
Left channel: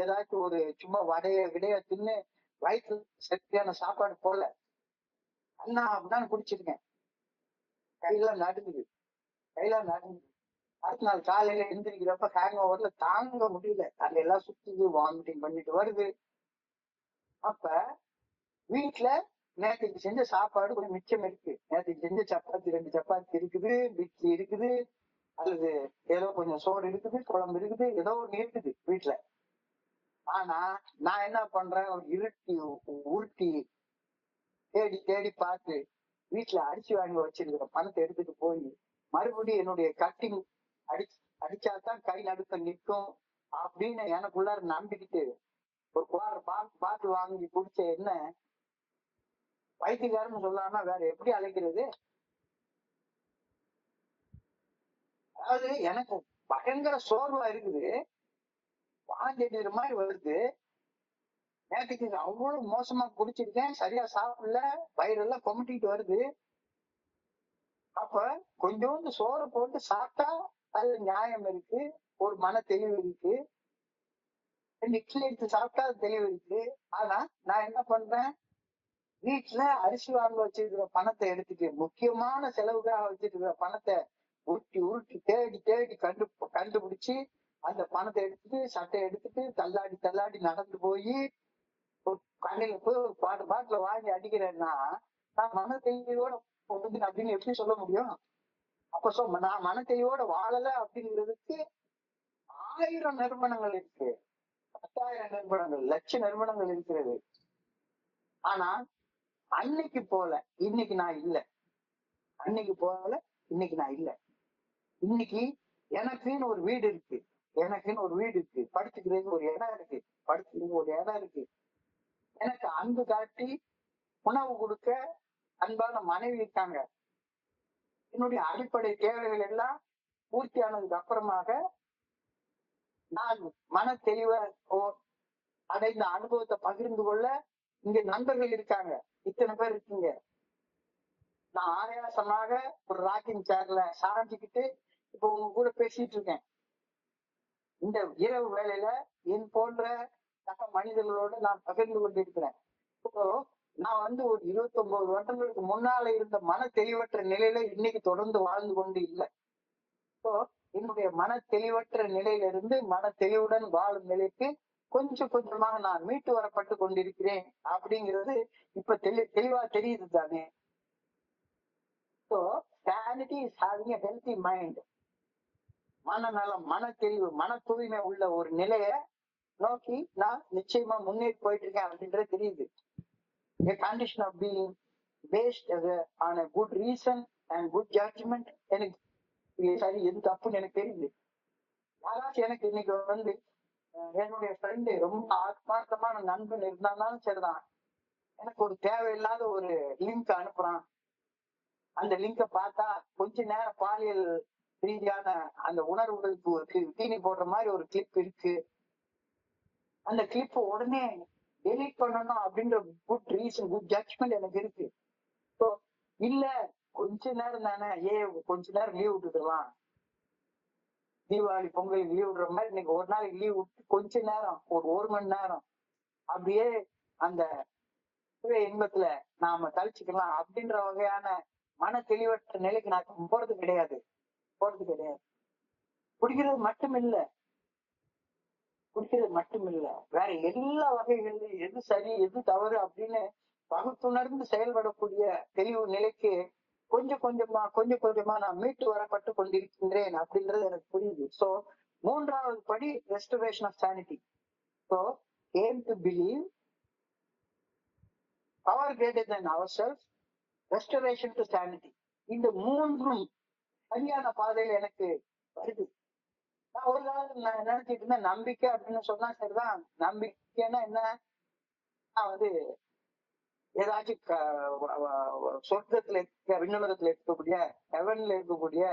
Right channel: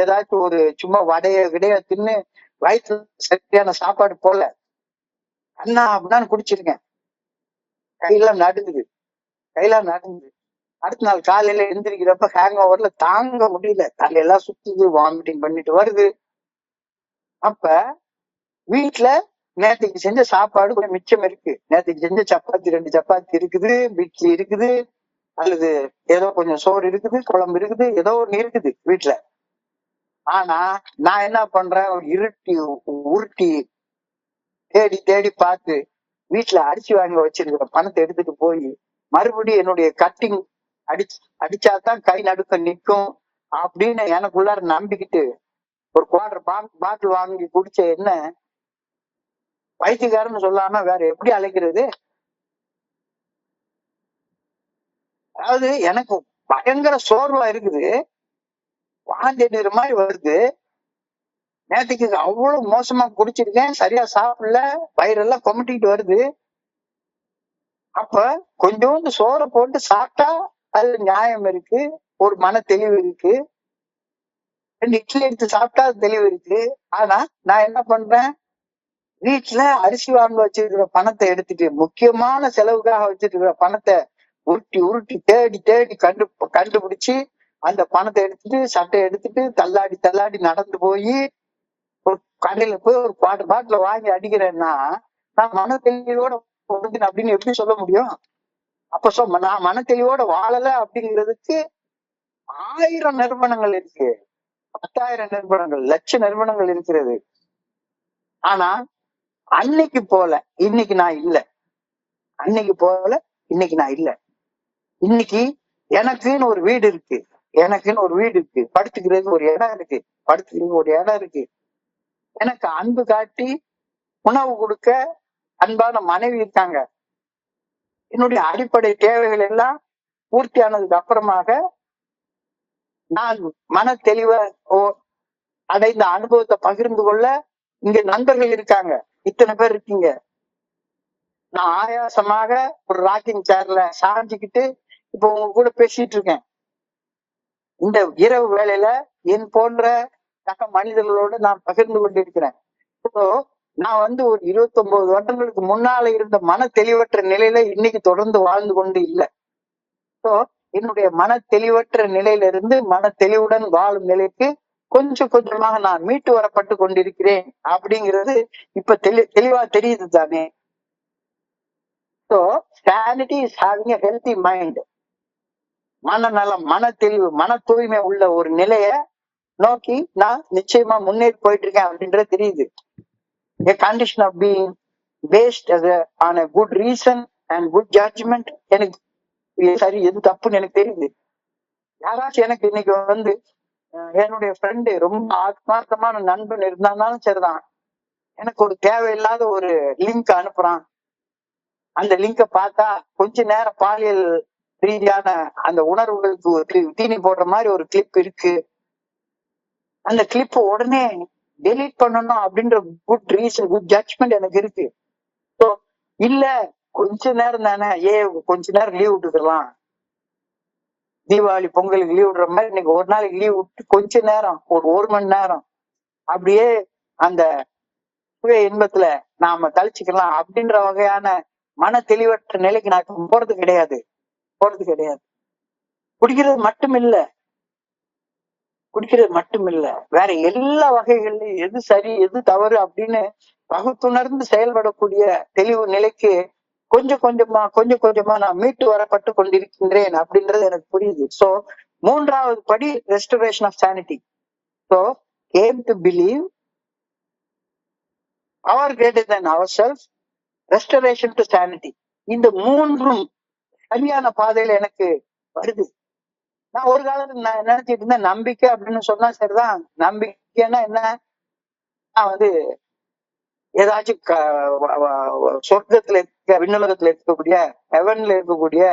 ஏதாச்சும் ஒரு சும்மா விடைய தின்னு வயிற்று சரியான சாப்பாடு போல கண்ணா அப்படின்னு குடிச்சிருக்கேன். கையெல்லாம் நடுங்குது. அடுத்த நாள் காலையில எந்திரிக்கிறப்ப ஹேங் ஓவர்ல தாங்க முடியல. தலையெல்லாம் சுத்துது, வாமிட்டிங் பண்ணிட்டு வருது. அப்ப வீட்டுல நேற்றுக்கு செஞ்ச சாப்பாடு கொஞ்சம் மிச்சம் இருக்கு. நேற்றுக்கு செஞ்ச சப்பாத்தி 2 சப்பாத்தி இருக்குது, இட்லி இருக்குது, அல்லது ஏதோ கொஞ்சம் சோறு இருக்குது, குழம்பு இருக்குது, ஏதோ ஒண்ணு இருக்குது வீட்டுல. ஆனா நான் என்ன பண்றேன், உருட்டி தேடி பார்த்து வீட்டுல அரிசி வாங்கி வச்சிருக்கிற பணத்தை எடுத்துட்டு போய் மறுபடியும் என்னுடைய கட்டிங் அடிச்சாதான் கை நடுக்க நிற்கும் அப்படின்னு எனக்குள்ளார நம்பிக்கிட்டு ஒரு குவார்டர் பாட்டில் வாங்கி குடிச்ச என்ன பைத்தியக்காரன்னு சொல்லாம வேற எப்படி அழைக்கிறது? அதாவது எனக்கு பயங்கர சோர்வா இருக்குது, வாந்தி எடுக்கிற மாதிரி வருது. நேற்றுக்கு அவ்வளவு மோசமா குடிச்சிருக்கேன், சரியா சாப்பிடல, வயிறெல்லாம் கொமட்டிட்டு வருது. அப்ப கொஞ்சோண்டு சோறை போட்டு சாப்பிட்டா அது நியாயம் இருக்கு, ஒரு மன தெளிவு இருக்கு. 2 இட்லி எடுத்து சாப்பிட்டா அது தெளிவு இருக்கு. ஆனா நான் என்ன பண்றேன், வீட்டுல அரிசி வாங்க வச்சிருக்கிற பணத்தை எடுத்துட்டு, முக்கியமான செலவுக்காக வச்சிருக்கிற பணத்தை உருட்டி தேடி கண்டுபிடிச்சு அந்த பணத்தை எடுத்துட்டு சட்டையை எடுத்துட்டு தள்ளாடி நடந்து போய் ஒரு கடையில போய் ஒரு பாட்டில வாங்கி அடிக்கிறேன்னா நான் மன தெளிவோட அப்படின்னு எப்படி சொல்ல முடியும்? அப்ப நான் மன தெளிவோட வாழல அப்படிங்கிறதுக்கு 1000 நிறுவனங்கள் இருக்கு, 10,000 நிறுவனங்கள், லட்ச நிறுவனங்கள் இருக்கிறது. ஆனா அன்னைக்கு போல இன்னைக்கு நான் இல்ல. இன்னைக்கு எனக்குன்னு ஒரு வீடு இருக்கு, படுத்துக்கிறதுக்கு ஒரு இடம் இருக்கு, எனக்கு அன்பு காட்டி உணவு கொடுக்க அன்பான மனைவி இருக்காங்க. என்னுடைய அடிப்படை தேவைகள் எல்லாம் பூர்த்தி ஆனதுக்கு அப்புறமாக நான் மன தெளிவ அடைந்த அனுபவத்தை பகிர்ந்து கொள்ள இங்க நண்பர்கள் இருக்காங்க, இத்தனை பேர் இருக்கீங்க. நான் ஆயாசமாக ஒரு ராக்கிங் சேர்ல சாஞ்சிக்கிட்டு இப்ப உங்க கூட பேசிட்டு இருக்கேன். இந்த இரவு வேளையில என் போன்ற சக மனிதர்களோடு நான் பகிர்ந்து கொண்டிருக்கிறேன். இப்போ நான் ஒரு 29 வருடங்களுக்கு முன்னால இருந்த மன தெளிவற்ற நிலையில இன்னைக்கு தொடர்ந்து வாழ்ந்து கொண்டு இல்லை. ஸோ என்னுடைய மன தெளிவற்ற நிலையில இருந்து மன தெளிவுடன் வாழும் நிலைக்கு கொஞ்சம் கொஞ்சமாக நான் மீட்டு வரப்பட்டு கொண்டிருக்கிறேன் அப்படிங்கிறது இப்ப தெளிவா தெரியுது தானே. So sanity is having a healthy mind. மனநலம், மன தெளிவு, மன தூய்மை உள்ள ஒரு நிலைய நோக்கி நான் நிச்சயமா முன்னேறி போயிட்டு இருக்கேன் அப்படின்றது தெரியுது. A condition of being based on a good reason and good judgment. எனக்கு சரி எது தப்புன்னு எனக்கு தெரியுது. யாராச்சும் எனக்கு இன்னைக்கு என்னுடைய ஃப்ரெண்டு ரொம்ப ஆத்மார்த்தமான நண்பன் இருந்தாலும் சரிதான், எனக்கு ஒரு தேவையில்லாத ஒரு லிங்க் அனுப்புறான். அந்த லிங்கை பார்த்தா கொஞ்ச நேரம் பாலியல் ரீதியான அந்த உணர்வுகளுக்கு தீனி போடுற மாதிரி ஒரு கிளிப் இருக்கு. அந்த கிளிப் உடனே டெலீட் பண்ணணும் அப்படின்ற குட் ரீசன், குட் ஜட்ஜ்மெண்ட் எனக்கு இருக்கு. ஸோ இல்ல கொஞ்ச நேரம் தானே, கொஞ்ச நேரம் லீவ் விட்டுக்கலாம், தீபாவளி பொங்கலுக்கு லீவ் விடுற மாதிரி இன்னைக்கு ஒரு நாளைக்கு லீவ் விட்டு கொஞ்ச நேரம், ஒரு மணி நேரம் அப்படியே அந்த சுய இன்பத்துல நாம தளிச்சுக்கலாம் அப்படின்ற வகையான மன தெளிவற்ற நிலைக்கு நான் போறது கிடையாது. குடிக்கிறது மட்டும் இல்ல, வேற எல்லா வகைகள்லயும் எது சரி எது தவறு அப்படின்னு பகுத்துணர்ந்து செயல்படக்கூடிய தெளிவு நிலைக்கு கொஞ்சம் கொஞ்சமா நான் மீட்டு வரப்பட்டு கொண்டிருக்கின்றேன் அப்படின்றது எனக்கு புரியுது. சோ மூன்றாவது படி restoration of sanity. So came to believe அவர் greater than ourselves, restoration to sanity. இந்த மூன்றும் சரியான பாதையில எனக்கு வருது. நான் ஒரு காலத்துல நான் நினைச்சிட்டு இருந்தேன் நம்பிக்கை அப்படின்னு சொன்னா சரிதான், நம்பிக்கைன்னா என்ன, நான் வந்து ஏதாச்சும் சொர்க்கத்துல இருக்க, விண்ணுலகத்துல இருக்கக்கூடிய, ஹெவன்ல இருக்கக்கூடிய,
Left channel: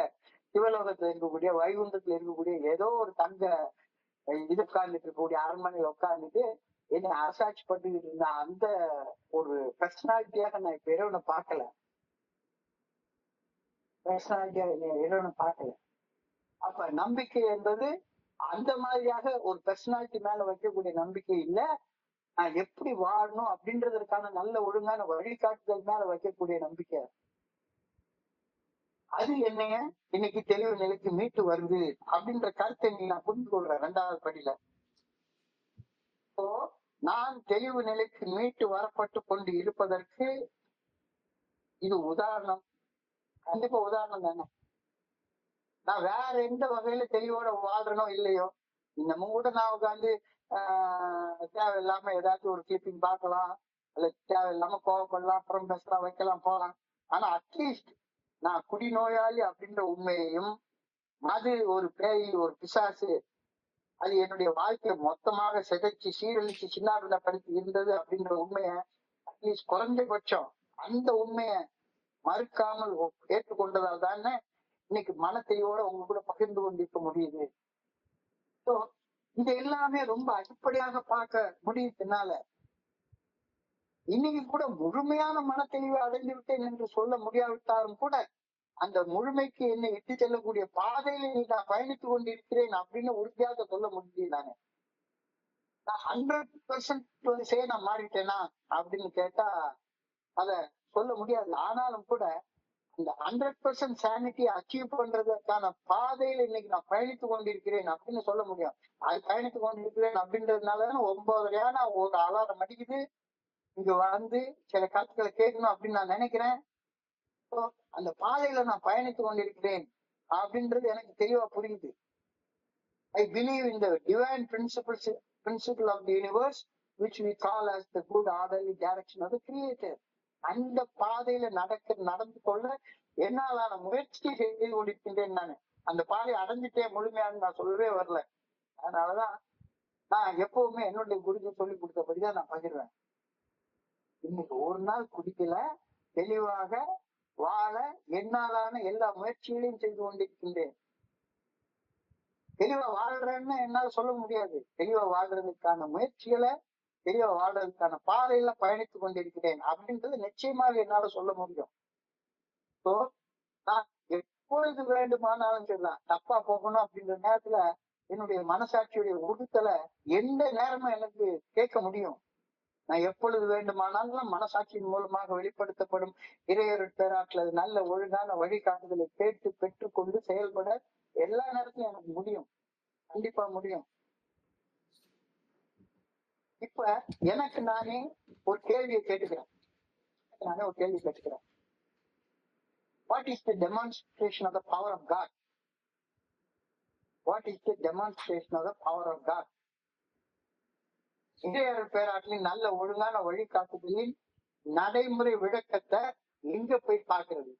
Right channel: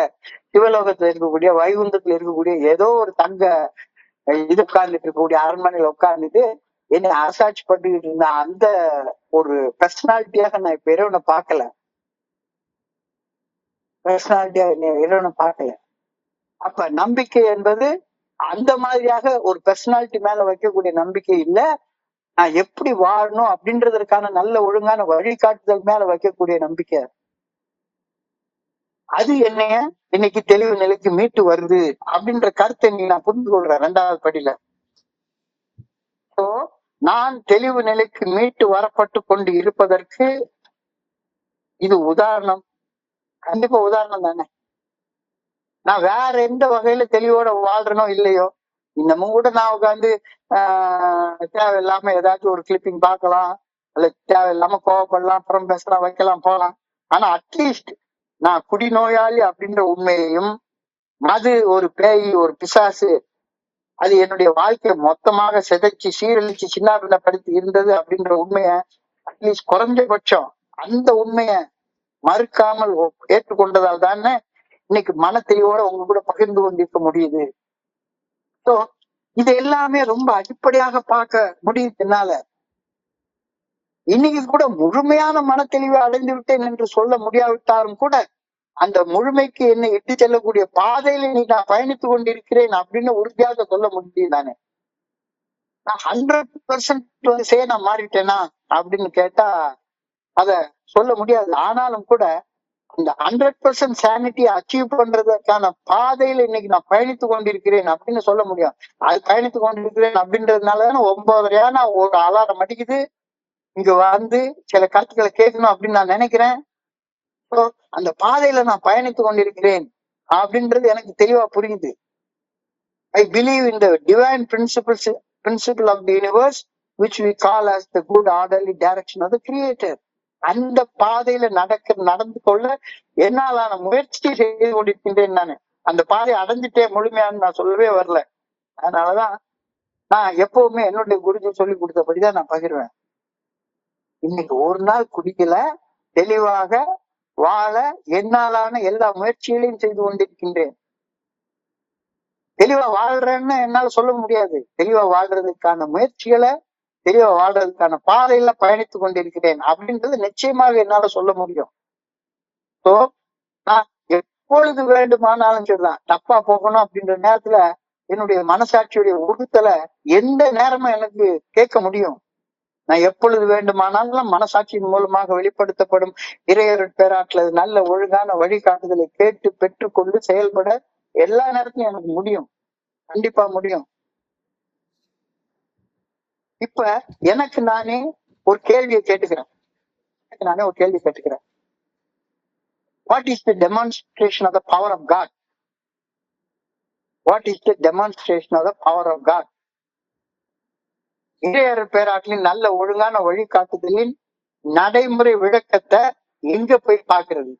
சிவலோகத்துல இருக்கக்கூடிய, வைகுந்தத்துல இருக்கக்கூடிய ஏதோ ஒரு தங்க இது உட்கார்ந்துட்டு இருக்கக்கூடிய அரண்மனையில உட்கார்ந்துட்டு என்னை அரசாட்சி பண்ணிக்கிட்டு இருந்த அந்த ஒரு பர்சனாலிட்டியாக நான் இப்ப இறைவனை பார்க்கல. அப்ப நம்பிக்கை என்பது அந்த மாதிரியாக ஒரு பர்சனாலிட்டி மேல வைக்கக்கூடிய நம்பிக்கை இல்ல, நான் எப்படி வாழணும் அப்படின்றதற்கான நல்ல ஒழுங்கான வழிகாட்டுதல் மேல வைக்கக்கூடிய நம்பிக்கை. அது என்னைய இன்னைக்கு தெளிவு நிலைக்கு மீட்டு வருது அப்படின்ற கருத்தை நான் புரிந்து கொள்றேன் இரண்டாவது படியில. சோ நான் தெளிவு நிலைக்கு மீட்டு வரப்பட்டு கொண்டு இருப்பதற்கு இது உதாரணம், கண்டிப்பா உதாரணம் தானே. நான் வேற எந்த வகையில தெளிவோட வாழ்றனோ இல்லையோ, இன்னமும் கூட நான் உட்காந்து தேவையில்லாம ஏதாச்சும் ஒரு கிளிப்பிங் பார்க்கலாம், அல்ல தேவையில்லாம கோவப்படலாம், அப்புறம் பேசலாம், வைக்கலாம், போகலாம். ஆனா அட்லீஸ்ட் நான் குடிநோயாளி அப்படின்ற உண்மையையும், அது ஒரு பேய், ஒரு பிசாசு, அது என்னுடைய வாழ்க்கையை மொத்தமாக சிதைச்சு சீரழிச்சு சின்னாபின்னப்படுத்தி இருந்தது அப்படின்ற உண்மைய அட்லீஸ்ட் குறைஞ்சபட்சம் அந்த உண்மைய மறுக்காமல் ஏற்றுக்கொண்டதால் தானே இன்னைக்கு மன தெளிவோட உங்க கூட பகிர்ந்து கொண்டிருக்க முடியுது. ஸோ இது எல்லாமே ரொம்ப அடிப்படையாக பார்க்க முடியுது என்னால. இன்னைக்கு கூட முழுமையான மன தெளிவை அடைந்து விட்டேன் என்று சொல்ல முடியாவிட்டாலும் கூட அந்த முழுமைக்கு என்னை இட்டு செல்லக்கூடிய பாதையில இன்னைக்கு நான் பயணித்து கொண்டிருக்கிறேன் அப்படின்னு உறுதியாக சொல்ல முடியும் தானே. நான் 100% நான் மாறிட்டேனா அப்படின்னு கேட்டா அத சொல்ல முடியாது. ஆனாலும் கூட இந்த 100% சானிட்டி அச்சீவ் பண்றதுக்கான பாதையில இன்னைக்கு நான் பயணித்து கொண்டிருக்கிறேன் அப்படின்னு சொல்ல முடியும். அது பயணித்து கொண்டிருக்கிறேன் அப்படின்றதுனாலதானே 9:30 ஒரு அலாரம் அடிக்குது, இங்க வந்து சில கருத்துக்களை கேட்கணும் அப்படின்னு நான் நினைக்கிறேன். அந்த பாதையில நான் பயணித்து கொண்டிருக்கிறேன் அப்படின்றது எனக்கு தெளிவா புரியுது. I believe in the divine principle of the universe, which we call as the good orderly direction of the creator. அந்த பாதையில நடந்து கொள்ள என்னாலான முயற்சி செய்து கொண்டிருக்கின்றேன். அந்த பாதையை அடைஞ்சிட்டே முழுமையான்னு நான் சொல்லவே வரல. அதனாலதான் நான் எப்பவுமே என்னுடைய குருஜி சொல்லி கொடுத்தபடிதான் நான் பகிர்வேன். இன்னைக்கு ஒரு நாள் குடிக்கல, தெளிவாக வாழ என்னாலான எல்லா முயற்சிகளையும் செய்து கொண்டிருக்கின்றேன். தெளிவா வாழ்றேன்னு என்னால சொல்ல முடியாது. தெளிவா வாழ்றதுக்கான முயற்சிகளை, தெளிவா வாழ்றதுக்கான பாதையில பயணித்து கொண்டிருக்கிறேன் அப்படின்றது நிச்சயமாக என்னால சொல்ல முடியும். சோ நான் எப்பொழுது வேண்டுமானாலும் சரிதான், தப்பா போகணும் அப்படின்ற நேரத்துல என்னுடைய மனசாட்சியுடைய உறுத்தலை எந்த நேரமும் எனக்கு கேட்க முடியும். நான் எப்பொழுது வேண்டுமானாலும் மனசாட்சியின் மூலமாக வெளிப்படுத்தப்படும் இறையருட் பேராற்றல் நல்ல ஒழுங்கான வழிகாட்டுதலை கேட்டு பெற்றுக்கொண்டு செயல்பட எல்லா நேரத்திலும் எனக்கு முடியும், கண்டிப்பா முடியும். இப்ப எனக்கு நானே ஒரு கேள்வியை கேட்டுக்கிறேன். What is the demonstration of the power of God? What is the demonstration of the power of God? இறையருட் பேராற்றலின் நல்ல ஒழுங்கான வழிகாட்டுதலின் நடைமுறை விளக்கத்தை எங்க போய் பார்க்கிறது?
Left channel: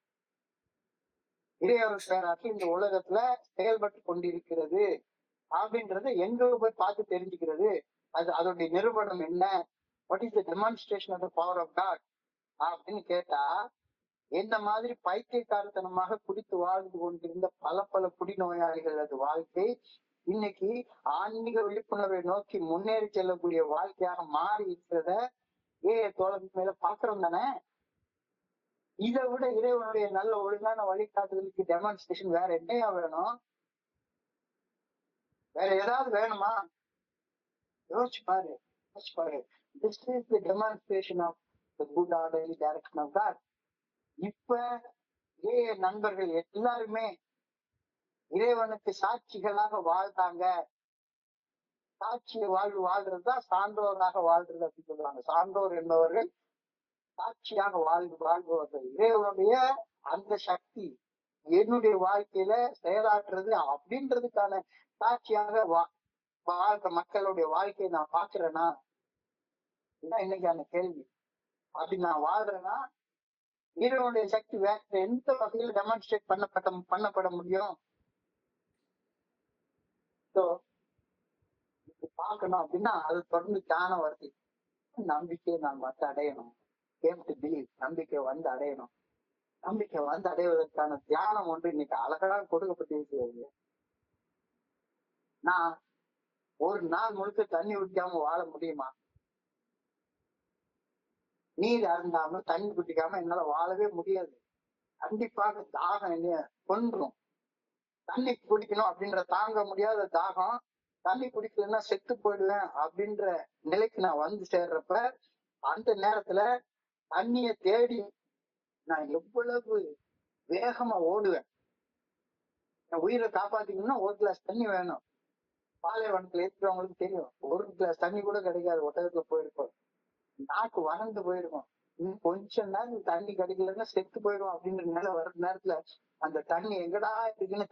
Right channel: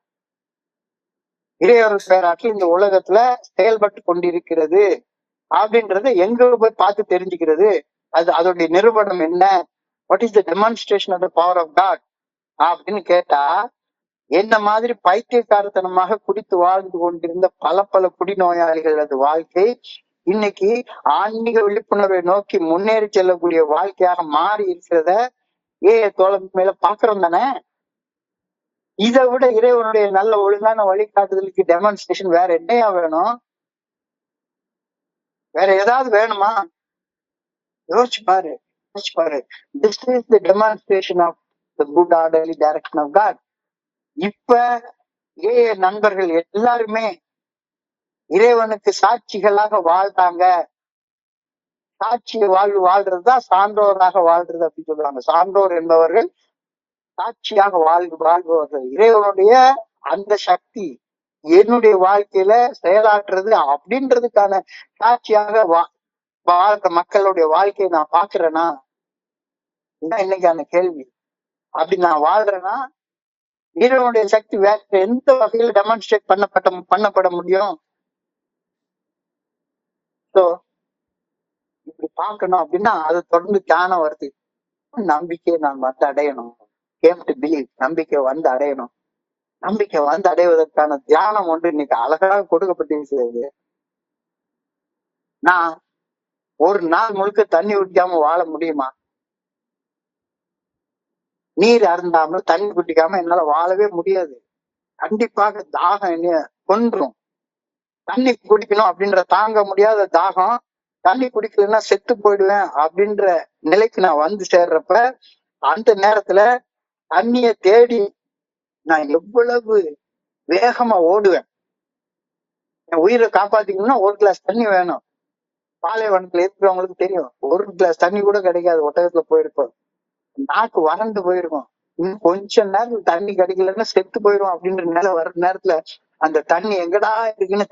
இறையருட் பேராற்றல் இந்த உலகத்துல செயல்பட்டு கொண்டிருக்கிறது அப்படின்றத எங்க போய் பார்த்து தெரிஞ்சுக்கிறது? அதோடைய நிரூபணம் என்ன? What is the demonstration of the power of God அப்படின்னு கேட்டா, என்ன மாதிரி பைத்தியக்காரத்தனமாக குடித்து வாழ்ந்து கொண்டிருந்த பல குடிநோயாளிகளது வாழ்க்கை இன்னைக்கு ஆன்மீக விழிப்புணர்வை நோக்கி முன்னேறி செல்லக்கூடிய வாழ்க்கையாக மாறி இருக்கிறத தோழன் மேல பாக்குறோம் தானே. இதை விட இறைவனுடைய நல்ல ஒழுங்கான வழிகாட்டுதலுக்கு டெமான்ஸ்ட்ரேஷன் வேற என்னையா வேணும்? வேற ஏதாவது வேணுமா? யோசிச்சு பாரு, யோசிச்சு பாரு. This is the demonstration of the good orderly direction of God. இப்ப நண்பர்கள் எல்லாருமே இறைவனுக்கு சாட்சிகளாக வாழ்றாங்க. சாட்சி வாழ்றதுதான் சான்றோராக வாழ்றது அப்படின்னு சொல்லுவாங்க. சான்றோர் என்பவர்கள் சாட்சியாக வாழ்பவர்கள். இறைவனுடைய அந்த சக்தி என்னுடைய வாழ்க்கையில செயலாற்றுறது அப்படின்றதுக்கான சாட்சியாக வாழ்ற மக்களுடைய வாழ்க்கையை நான் பாக்குறேன்னா, இன்னைக்கான கேள்வி. அப்படி நான் வாழ்றேன்னா இறைவனுடைய சக்தி வேற எந்த வகையில டெமான்ஸ்ட்ரேட் பண்ணப்பட முடியும்? இப்படி பார்க்கணும் அப்படின்னா அதை தொடர்ந்து தியானம் வருது. நம்பிக்கையை நான் வந்து அடையணும். நம்பிக்கை வந்து அடையணும். நம்பிக்கை வந்து அடைவதற்கான தியானம் ஒன்று இன்னைக்கு அழகாக கொடுக்கப்பட்டிருக்கிறது. நான் ஒரு நாள் முழுக்க தண்ணி குடிக்காம வாழ முடியுமா? நீர் அருந்தாமல் தண்ணி குடிக்காம என்னால வாழவே முடியாது. கண்டிப்பாக தாகம் என்ன கொன்றும். தண்ணி குடிக்கணும் அப்படின்ற தாங்க முடியாத தாகம், தண்ணி குடிக்கலன்னா செத்து போயிடுவேன் அப்படின்ற நிலைக்கு நான் வந்து சேர்றப்ப, அந்த நேரத்துல தண்ணிய தேடி நான் எவ்வளவு வேகமா ஓடுவேன். என் உயிரை காப்பாத்திக்கணும்னா ஒரு கிளாஸ் தண்ணி வேணும். பாலைவனத்துல இருக்கிறவங்களுக்கு தெரியும், ஒரு கிளாஸ் தண்ணி கூட கிடைக்காது. ஒட்டகத்துல போயிருப்போம், நாக்கு வறண்டு போயிருக்கும். இன்னும் கொஞ்ச நேரம் தண்ணி கிடைக்கலன்னா செத்து போயிடும் அப்படின்ற நிலை வர்ற நேரத்துல அந்த தண்ணி எங்கடா இருக்குன்னு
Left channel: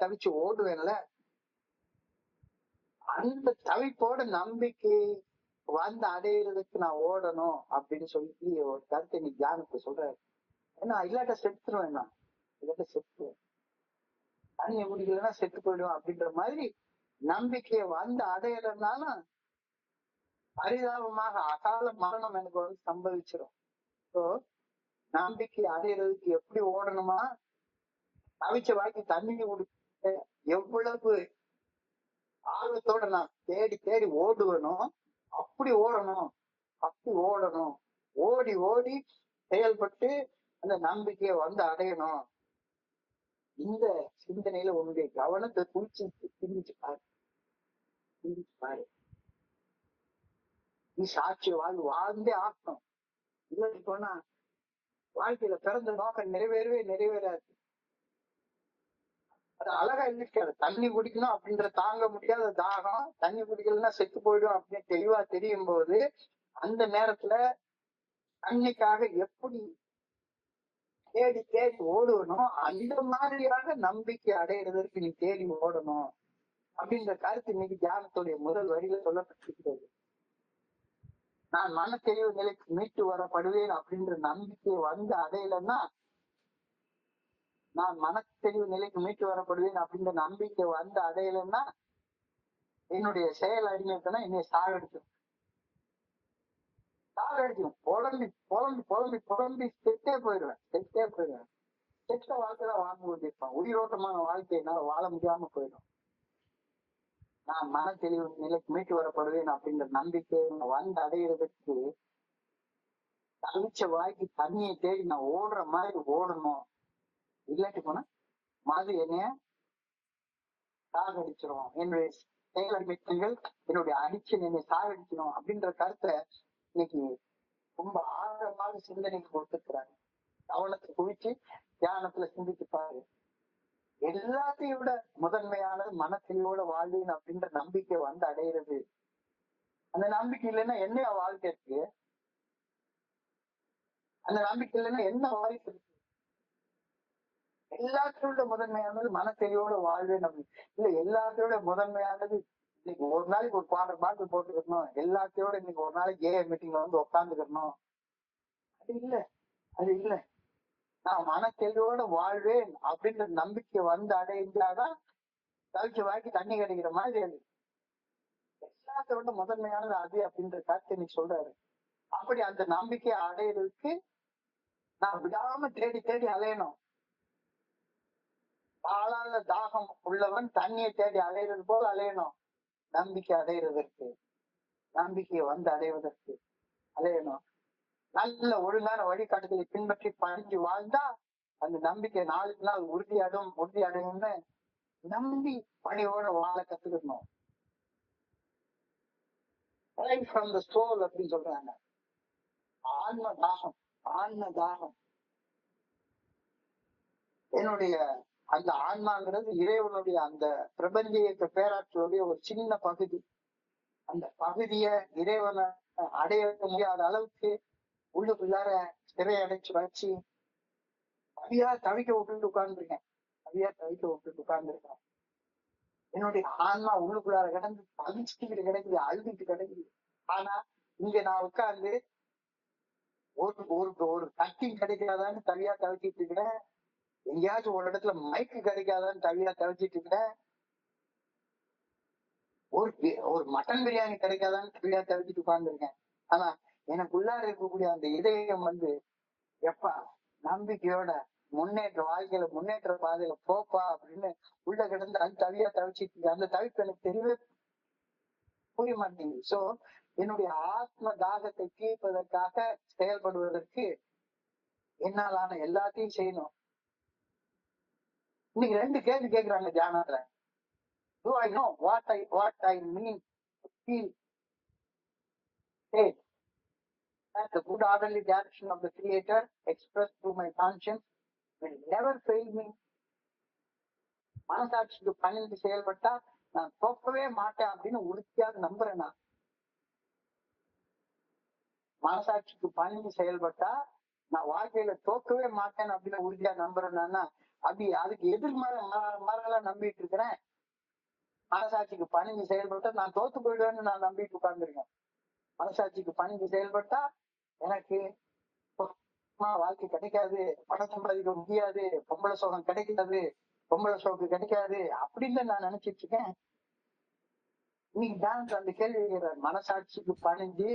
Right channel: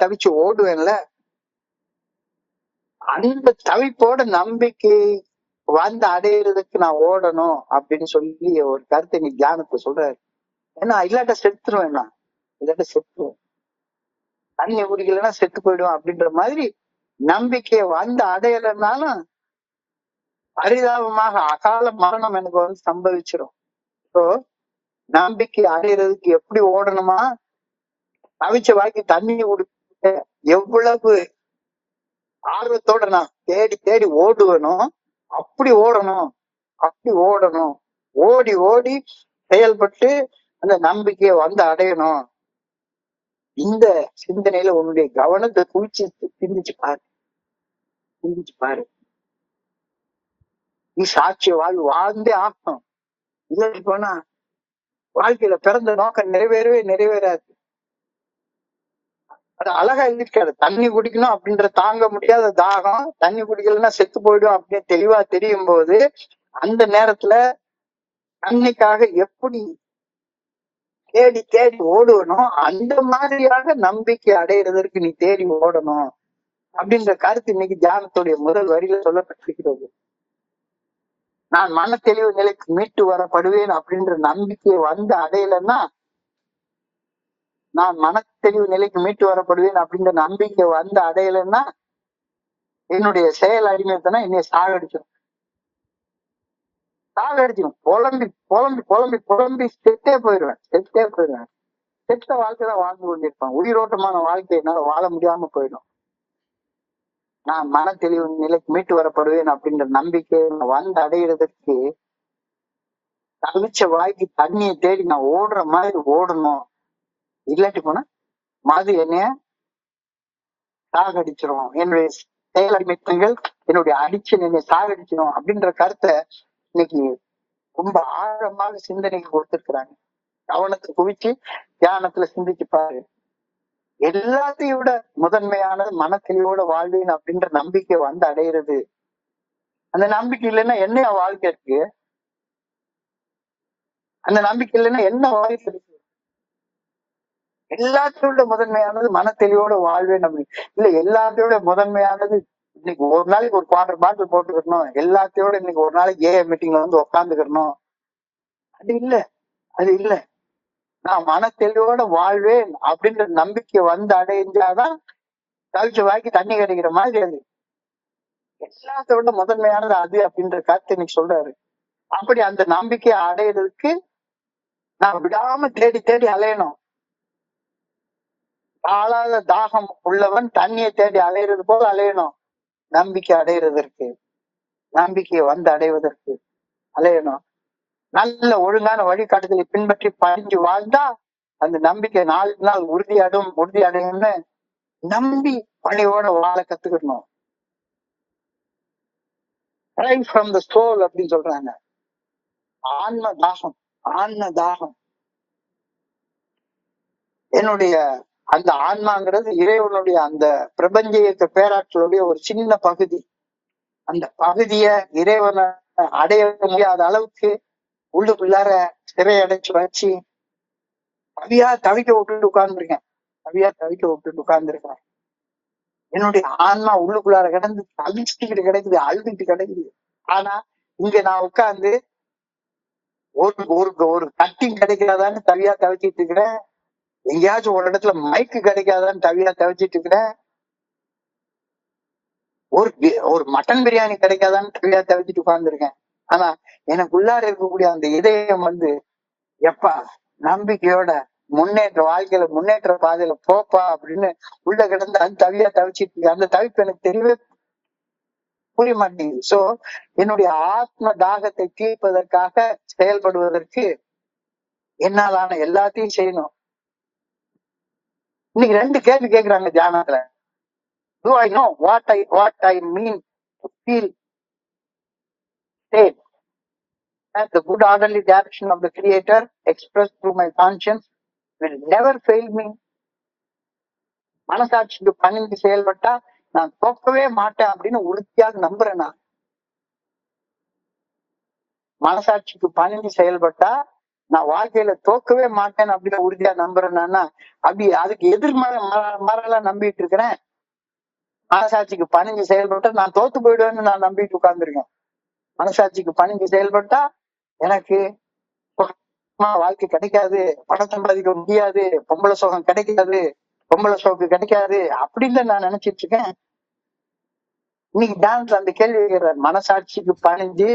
தவிச்சு ஓடுவேன்ல. அந்த தவிப்போட நம்பிக்கை வந்து அடையிறதுக்கு நான் ஓடணும் அப்படின்னு சொல்லி ஒரு கருத்தை நீ தியானத்தை சொல்றாரு. ஏன்னா இல்லாட்ட செத்துருவேன், நான் இல்லாட்ட செத்துருவேன், தண்ணி குடிக்கலன்னா செத்து போயிடுவேன் அப்படின்ற மாதிரி நம்பிக்கையை வந்து அடையலைன்னாலும் பரிதாபமாக அகால மரணம் எனக்கு வந்து சம்பவிச்சிடும். ஸோ நம்பிக்கை அடையிறதுக்கு எப்படி ஓடணுமா? தவிச்ச வாய்க்கு தண்ணி குடிக்க எவ்வளவு ஆர்வத்தோட நான் தேடி தேடி ஓடுவேணும், அப்படி ஓடணும். ஓடி ஓடி செயல்பட்டு அந்த நம்பிக்கையை வந்து அடையணும். இந்த சிந்தனையில உன்னுடைய கவனத்தை சிந்திச்சு பாரு. நீ சாட்சிய வாழ்ந்தே ஆகணும். இல்லை போனா வாழ்க்கையில பிறந்த நோக்கம் நிறைவேறாது. அது அழகா இருக்காது. தண்ணி குடிக்கணும் அப்படின்ற தாங்க முடியாத தாகம், தண்ணி குடிக்கலன்னா செத்து போயிடும் அப்படின்னு தெளிவா தெரியும் போது, அந்த நேரத்துல தண்ணிக்காக எப்படி தேடி தேடி ஓடுவனும், அந்த மாதிரியாக நம்பிக்கை அடையிறதற்கு நீ தேடி ஓடணும் அப்படின்ற கருத்து இன்னைக்கு தியானத்துடைய முதல் வரியில சொல்லப்பட்டிருக்கிறது. நான் மன தெளிவு நிலைக்கு மீட்டு வரப்படுவேன் அப்படின்ற நம்பிக்கையை வந்து அடையலைன்னா, நான் மன தெளிவு நிலைக்கு மீட்டு வரப்படுவேன் அப்படின்ற நம்பிக்கை வந்து அடையலைன்னா, என்னுடைய செயல் அடிமைத்தனா என்னைய சாகடிச்சிடும். புலம்பி புலம்பி புலம்பி புலம்பி செத்தே போயிடுவேன். செத்த வாழ்க்கைதான் வாழ்ந்து கொண்டிருப்பேன். உயிரோட்டமான வாழ்க்கை என்னால வாழ முடியாம போயிடும். நான் மன தெளிவு நிலைக்கு மீட்டு வரப்படுவேன் அப்படின்ற நம்பிக்கை வந்து அடையிறதுக்கு தவிச்ச வாய்க்கு தண்ணியை தேடி நான் ஓடுற மாதிரி ஓடணும். இல்லாட்டி போனா மது என்னைய சாகடிச்சிடும். என்னுடைய செயல் அடிமைத்தங்கள் என்னுடைய அடிக்ஷன் என்னை சாகடிச்சிடும் அப்படின்ற கருத்தை இன்னைக்கு ரொம்ப ஆழமாக சிந்தனைக்கு கொடுத்திருக்கிறாங்க. கவனத்தை குவிச்சு தியானத்துல சிந்திச்சு பாரு. எல்லாத்தையும் விட முதன்மையானது மன தெளிவோட வாழ்வேன் அப்படின்ற நம்பிக்கை வந்து அடையிறது. அந்த நம்பிக்கை இல்லைன்னா என்ன வாழ்க்கை இருக்கு? அந்த நம்பிக்கை இல்லைன்னா என்ன வாழ்க்கை இருக்கு? எல்லாத்தையோட முதன்மையானது மன தெளிவோட வாழ்வேன் நம்பிக்கை இல்ல. எல்லாத்தையோட முதன்மையானது இன்னைக்கு ஒரு நாளைக்கு ஒரு குவார்டர் பாட்டில் போட்டுக்கணும், எல்லாத்தையோட இன்னைக்கு ஒரு நாளைக்கு மீட்டிங்ல வந்து உட்காந்துக்கணும், அது இல்ல. நான் மன தெளிவோட வாழ்வேன் அப்படின்ற நம்பிக்கை வந்து அடைஞ்சாதான் கவிச்ச வாய்க்கு தண்ணி கிடைக்கிற மாதிரி. அது எல்லாத்தோட முதன்மையானது அது அப்படின்ற கருத்து இன்னைக்கு சொல்றாரு. அப்படி அந்த நம்பிக்கையை அடையிறதுக்கு நான் விடாம தேடி தேடி அலையணும். ஆளாத தாகம் உள்ளவன் தண்ணியை தேடி அலையிறது போல அலையணும். நம்பிக்கை அடையிறதற்கு, நம்பிக்கையை வந்து அடைவதற்கு அலையணும். நல்ல ஒழுங்கான வழிகாட்டுதலை பின்பற்றி பணிஞ்சு வாழ்ந்தா அந்த நம்பிக்கை நாளுக்கு நாள் உறுதி அடையும்னு நம்பி பணியோட வாழ கத்துக்கணும். ரைட் ஃப்ரம் த சோல் அப்படின்னு சொல்றாங்க. ஆன்ம தாகம், ஆன்ம தாகம். என்னுடைய அந்த ஆன்மாங்கிறது இறைவனுடைய அந்த பிரபஞ்ச இயக்க பேராற்றலுடைய ஒரு சின்ன பகுதி. அந்த பகுதிய இறைவனை அடைய முடியாத அளவுக்கு உள்ளுக்குள்ளார சிறையடைச்சு வச்சு கவியா தவிக்க விட்டுட்டு உட்கார்ந்துருக்கேன். என்னுடைய ஆன்மா உள்ளுக்குள்ளார கிடந்து தவிச்சுக்கிட்டு கிடைக்குது, அழுதுட்டு கிடைக்குது. ஆனா இங்க நான் உட்கார்ந்து ஒரு கட்டிங் கிடைக்காதான்னு தவியா தவிச்சிட்டு இருக்கிறேன். எங்கேயாச்சும் ஒரு இடத்துல மைக்கு கிடைக்காதான்னு தவியா தவிச்சிட்டு இருக்கிறேன். ஒரு மட்டன் பிரியாணி கிடைக்காதான்னு தவியா தவிச்சிட்டு உட்கார்ந்துருக்கேன். ஆனா எனக்குள்ளார இருக்கக்கூடிய அந்த இதயம் வந்து எப்பா நம்பிக்கையோட வாழ்க்கையில முன்னேற்ற பாதையில போப்பா அப்படின்னு உள்ள கிடந்து அந்த தவியா தவிச்சிட்டு இருக்கு. அந்த தவிப்பு எனக்கு தெரியவே புரிய மாட்டேங்குது. சோ என்னுடைய ஆத்ம தாகத்தை தீர்ப்பதற்காக செயல்படுவதற்கு என்னாலான எல்லாத்தையும் செய்யணும். இன்னைக்கு 2 கேள்வி கேட்கிறாங்க தியானத்துல. Do I know what I mean to feel state that the good orderly direction of the Creator expressed through my conscience will never fail me. மனசாட்சிக்கு பணிந்து செயல்பட்டா நான் தோக்கவே மாட்டேன் அப்படின்னு உறுதியாக நம்புறேன். நான் மனசாட்சிக்கு பணிந்து செயல்பட்டா நான் வாழ்க்கையில தோக்கவே மாட்டேன் அப்படின்னு உறுதியா நம்புறேன்னா அப்படி அதுக்கு எதிர்மறையா நம்பிட்டு இருக்கிறேன். மனசாட்சிக்கு பணிஞ்சு செயல்பட்டா நான் தோத்து போயிடுவேன்னு நான் நம்பிட்டு உட்கார்ந்துருக்கேன். மனசாட்சிக்கு பணிஞ்சு செயல்பட்டா எனக்கு வாழ்க்கை கிடைக்காது, பணம் சம்பாதிக்க முடியாது, பொம்பளை சோகம் கிடைக்காது, பொம்பளை சோக்கு கிடைக்காது அப்படின்னு நான் நினைச்சிட்டு இருக்கேன். இன்னைக்கு டான்ஸ் அந்த கேள்வி கேட்கிறார். மனசாட்சிக்கு பணிஞ்சு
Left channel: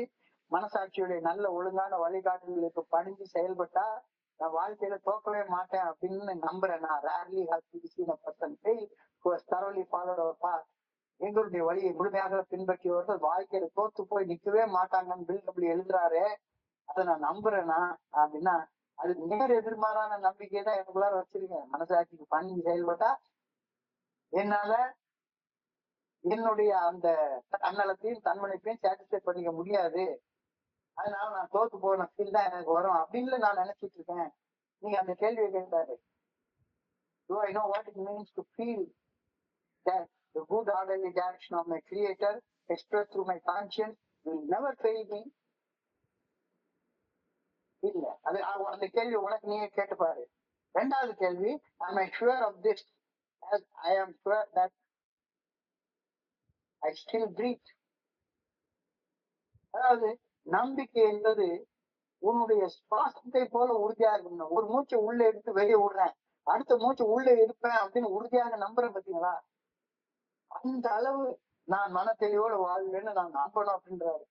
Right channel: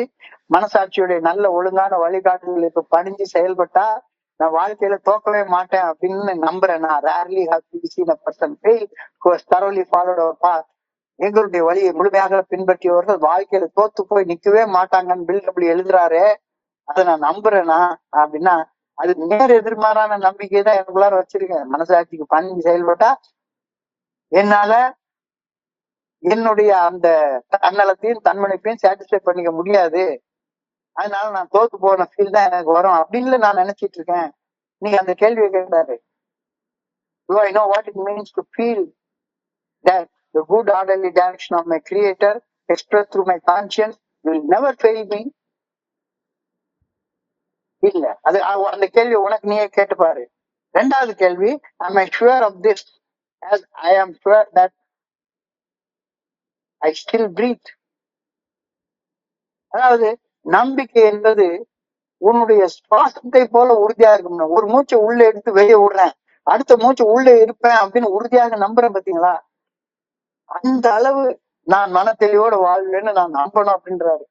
மனசாட்சியுடைய நல்ல ஒழுங்கான வழிகாட்டுதலுக்கு பணிஞ்சு செயல்பட்டா நான் வாழ்க்கையில தோக்கவே மாட்டேன் அப்படின்னு நம்புறேன். நான் rarely have seen a person fail who has thoroughly followed our path. எங்களுடைய வழியை முழுமையாக பின்பற்றியவர்கள் வாழ்க்கையில தோத்து போய் நிக்கவே மாட்டாங்கன்னு பில்டபிள் எழுதுறாரு. அதை நான் நம்புறேனா அப்படின்னா அது நேர் எதிர்மாறான நம்பிக்கை தான் எனக்குள்ளார வச்சிருக்கேன். மனசாட்சிக்கு பணிஞ்சு செயல்பட்டா என்னால என்னுடைய அந்த தன்னலத்தையும் தன்மனைப்பையும் சாட்டிஸ்ஃபை பண்ணிக்க முடியாது, அதனால நான் தோத்து போன ஃபீல் தான் எனக்கு வரும் அப்படின்னு நான் நினைச்சிட்டு இருக்கேன். நீங்க அந்த கேள்வியை கேட்டாரு. Do I know what it means to feel that the good orderly direction of my Creator expressed through my conscience will never fail me? இல்ல, அது அந்த கேள்வி உனக்கு நீயே கேட்டு பாரு. 2வது கேள்வி, am I sure of this as I am sure that I still breathe? அதாவது நம்பிக்கை என்பது உன்னுடைய சுவாசத்தை போல உறுதியா இருக்கணும். ஒரு மூச்சை உள்ள எடுத்து வெளியே விடுறேன், அடுத்த மூச்சு உள்ள இருப்பேன் அப்படின்னு உறுதியாக நம்புறேன் பாத்தீங்களா? அந்த அளவு நான் மன தெளிவோட வாழ்வேன்னு நான் நம்பணும் அப்படின்றாரு.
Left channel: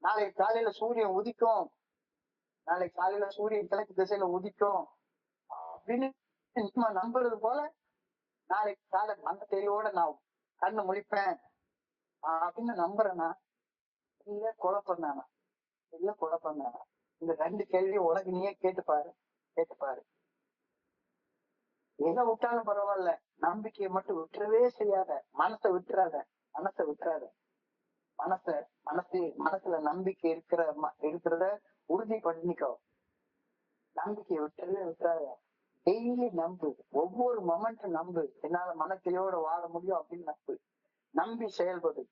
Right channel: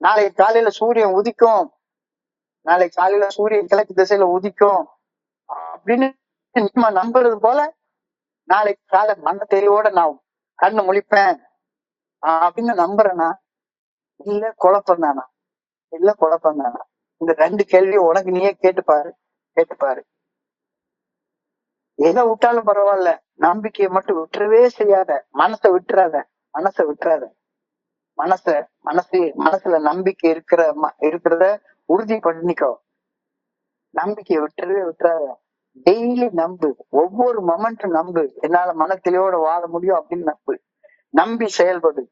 நாளைக்கு காலையில சூரியன் உதிக்கும், நாளைக்கு காலையில சூரியன் கிழக்கு திசையில உதிக்கும் அப்படின்னு நம்ம நம்புறது போல நாளைக்கு காலை மன தெளிவோட நான் கண்ணு முழிப்பேன் அப்படின்னு நம்புறேனா இல்ல குழப்பம் தானா? இல்ல குழப்பம் தானா? இந்த 2 கேள்வியும் உனக்கு நீயே கேட்டுப்பாரு. எதை விட்டாலும் பரவாயில்ல, நம்பிக்கையை மட்டும் விட்டுறவே செய்யாத. மனசை விட்டுறாத. மனசுல நம்பிக்கை இருக்கிறத உறுதி பண்ணிக்கோ. நம்பிக்கையை விட்டுறாத. டெய்லி நம்பு, ஒவ்வொரு மொமெண்ட்டும் நம்பு. என்னால மனத்திலையோட வாழ முடியும் அப்படின்னு நம்பி செயல்படு.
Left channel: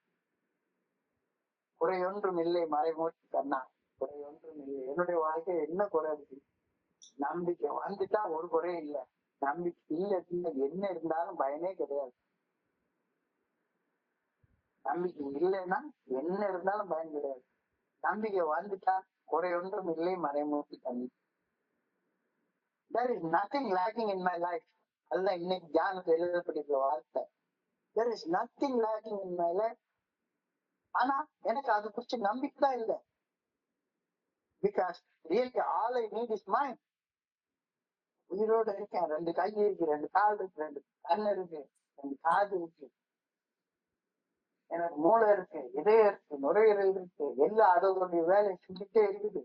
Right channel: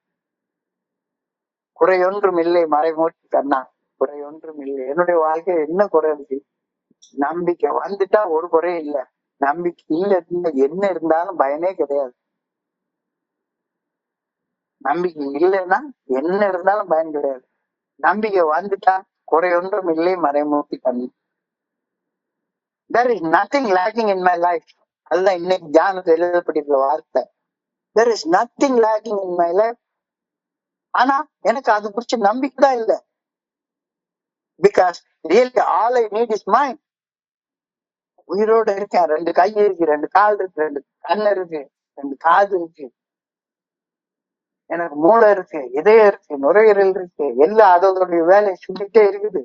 குறையொன்றும் இல்லை மறைமூர்த்தி கண்ணா, குறையொன்றும் இல்லை. என்னுடைய வாழ்க்கை என்ன குறை இருக்கு? நம்பிக்கை வந்துட்டா ஒரு குறையும் இல்லை. நம்பிக்கை இல்ல என்ன இருந்தாலும் பயனே கிடையாது. நம்பிக்கை இல்லைன்னா என்ன இருந்தாலும் பயன் கிடையாது. நம்பிக்கை வந்துட்டா குறையொன்றும் இல்லை மறைமூர்த்தி கண்ணா. There is nothing lacking in my life. அதுதான் இன்னைக்கு தியானத்தில் எழுதப்பட்டிருக்கிற வார்த்தை. There is nothing lacking in my life. ஆனா எனக்கு அது குறிச்ச நம்பிக்கை தான் இல்லை. Because really all I need is mine. உயிரோட இருக்கேன், 2 கை இருக்கு, 2 கால் இருக்கு, 2 கண்ணு இருக்கு, 2 காது இருக்கு, எனக்கு மூளை இருக்கு, இதயம் இருக்கு, நுரையீரல் இருக்கு, எல்லாம் அதோடைய வேலையை செஞ்சுட்டே இருக்குது.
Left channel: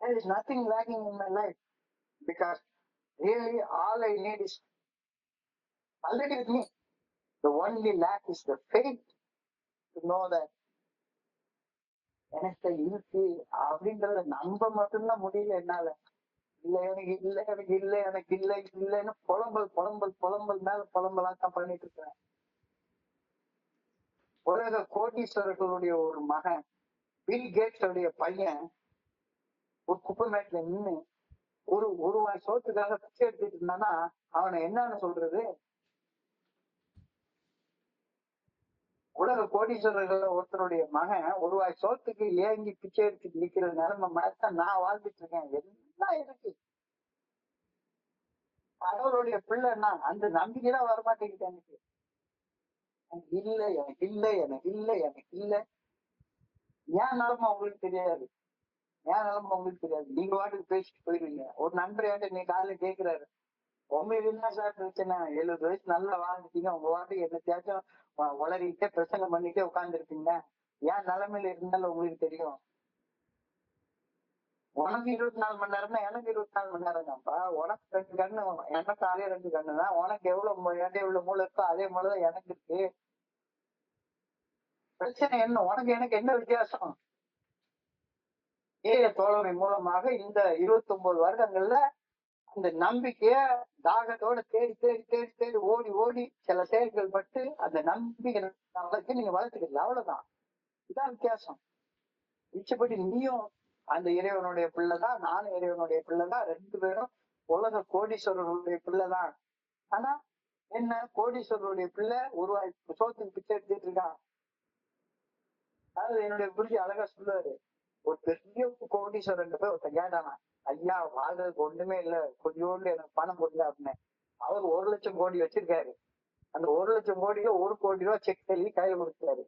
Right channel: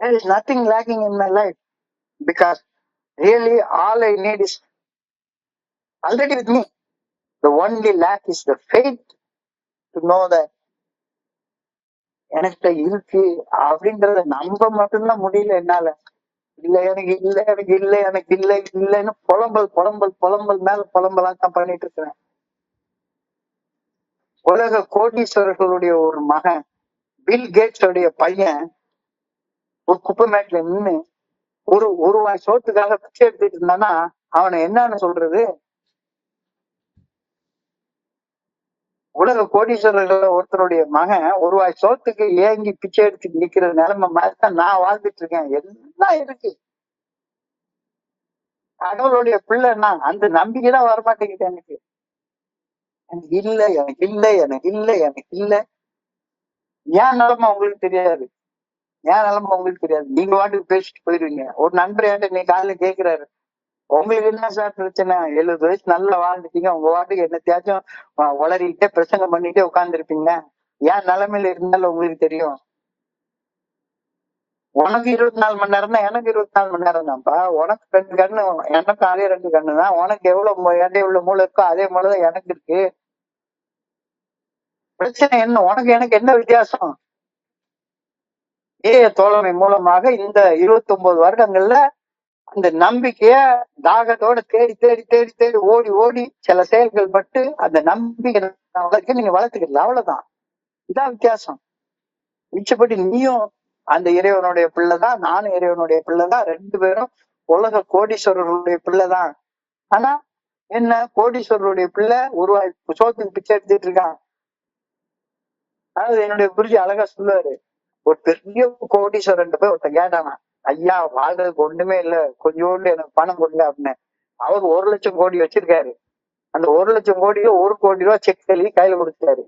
There is nothing lacking in my life because really all I need is already with me. The only lack is the faith to know that எனக்கு இருக்கு அப்படின்றத நம்ப மட்டும்தான் முடியல என்னால. இல்ல எனக்கு இல்ல, எனக்கு இல்ல, எனக்கு இல்ல இல்லைன்னு புலம்பல் புலம்பல் புலம்பல் மேல புலம்பலா தான் பண்ணிட்டு இருக்கிறேன். உலக கோடீஸ்வரர்களுடைய ஒரு மகன், பில் கேட்ஸ் உடைய பையன் ஒரு குப்பை மேட்ல நின்று ஒரு வாய் சோத்துக்காக பிச்சை எடுத்துட்டு இருந்தானா அவனை என்னன்னு சொல்றது? உலக கோடீஸ்வரர்கள் ஒருத்தருடைய மகன் ஒரு வாய் சோத்துக்கு ஏங்கி பிச்சை எடுத்து நிக்கிற நிலைமை மாதிரிதான் நான் வாழ்ந்துட்டு இருக்கேன். எல்லாம் இருக்கு, கடவுளுடைய பிள்ளைன்னா அந்த நம்பிக்கைதான் வரமாட்டேங்குது எனக்கு. எனக்கு இல்ல, எனக்கு இல்ல, எனக்கு இல்ல, எனக்கு இல்ல. ஏன் நிலைமை உங்களுக்கு தெரியாது, ஏன் நிலைமை உங்களுக்கு தெரியாது. நீங்க வாட்டுக்கு பேசிட்டு போயிருவீங்க. ஒரு நண்பர் என்கிட்ட நீ காலையில கேக்குறாரு, உங்களுக்கு என்ன சார் பிரச்சனை, 70 வயசு நல்லா வாழ்ந்துட்டீங்க, உங்க வாட்டுக்கு என்னத்தையாச்சும் உளறிக்கிட்டே பிரச்சனை பண்ணிட்டே உட்கார்ந்துருப்பீங்க, ஏன் நிலைமையில இருந்தாலும் உங்களுக்கு தெரியும். உனக்கு 24 மணி நேரம் தான், எனக்கு 24 மணி நேரம் தான்ப்பா. உனக்கு 2 கண்ணு, எனக்கு அதே 2 கண்ணு தான். உனக்கு எவ்வளவு எவ்வளவு மூளை இருக்கோ அதே மூளைதான் எனக்கு இருக்கு. பிரச்சனை என்ன? உனக்கு எனக்கு என்ன வித்தியாசம்? தோழமை மூலமாக இந்த 29 வருடங்கள்ல அந்த நம்பிக்கைய தாகத்தோட தேடி தேடி தேடி தேடி ஓடி ஓடி சில செயல்கள் பட்டு அந்த நம்பிக்கை நீங்க வளர்த்துக்கல, அவ்வளவுதான். இதான் வித்தியாசம். மிச்சப்படி நீயும் அந்த இறைவனுடைய பிள்ளைதான், நானும் இறைவனுடைய பிள்ளைதான், 2 பேரும் உலக கோடீஸ்வரர்களுடைய பிள்ளைதான். ஆனா என்ன, கோடீஸ்வரருடைய பிள்ளை உருவாய் சோத்துக்கு பிச்சை எடுத்துட்டு இருக்கான். அதாவது என்னுடைய குருஜி அழகா சொல்லுவாரு, ஒரு பெரிய கோடீஸ்வரன் போய் ஒருத்தன் கேட்டானா, ஐயா வாழ்றதுக்கு ஒண்ணுமே இல்ல, கொஞ்சோண்டு எனக்கு பணம் கொடுங்க அப்படின்னு. அவர் 1 லட்சம் கோடி வச்சிருக்காரு. அந்த 1 லட்சம் கோடியில 1 கோடி ரூபாய் செக் எழுதி கையில கொடுத்தாரு.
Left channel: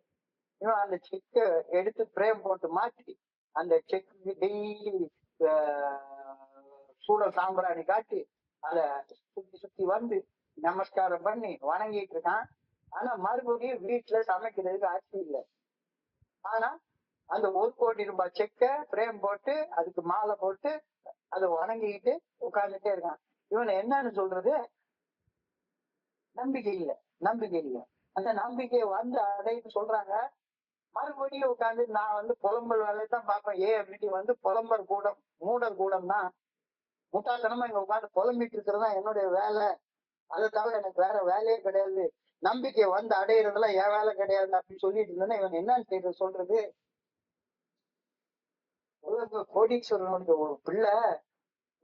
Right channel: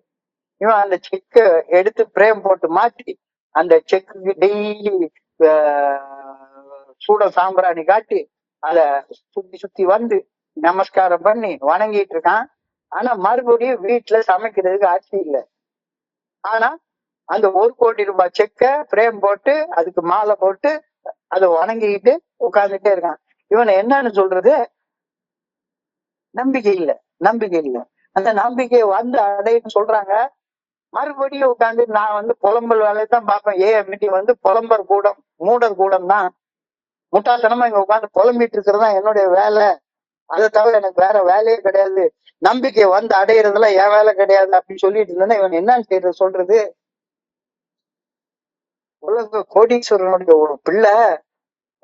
இவன் அந்த செக்க எடுத்து பிரேம் போட்டு மாட்டி அந்த செக்கு டெய்லி சூட சாம்பிராணி காட்டி அத சுத்தி சுத்தி வந்து நமஸ்காரம் பண்ணி வணங்கிட்டு இருக்கான். ஆனா மறுபடியும் வீட்டுல சமைக்கிறதுக்கு ஆட்சி இல்லை. ஆனா அந்த 1 கோடி ரூபாய் செக்க பிரேம் போட்டு அதுக்கு மாலை போட்டு அதை வணங்கிக்கிட்டு உட்கார்ந்துட்டே இருக்கான். இவனை என்னன்னு சொல்றது? நம்பிக்கை இல்லை, நம்பிக்கை இல்லை. அந்த நம்பிக்கையை வந்து அடைன்னு சொல்றாங்க. மறுபடியும் உட்காந்து நான் புலம்பல் வேலையை தான் பார்ப்பேன். மீட்டிங் புலம்பர் கூடம், மூடர் கூடம் தான். முட்டாள்தனமா இங்க உட்காந்து புலம்பிட்டு இருக்கிறதா என்னுடைய வேலை. அதை தவிர எனக்கு வேற வேலையே கிடையாது. நம்பிக்கை வந்து அடையிறதுலாம் என் வேலை கிடையாது அப்படின்னு சொல்லிட்டு இருந்தேன்னா இவன் என்னன்னு செய்யறது சொல்றது? உலக கோடீஸ்வரனுடைய ஒரு பிள்ளை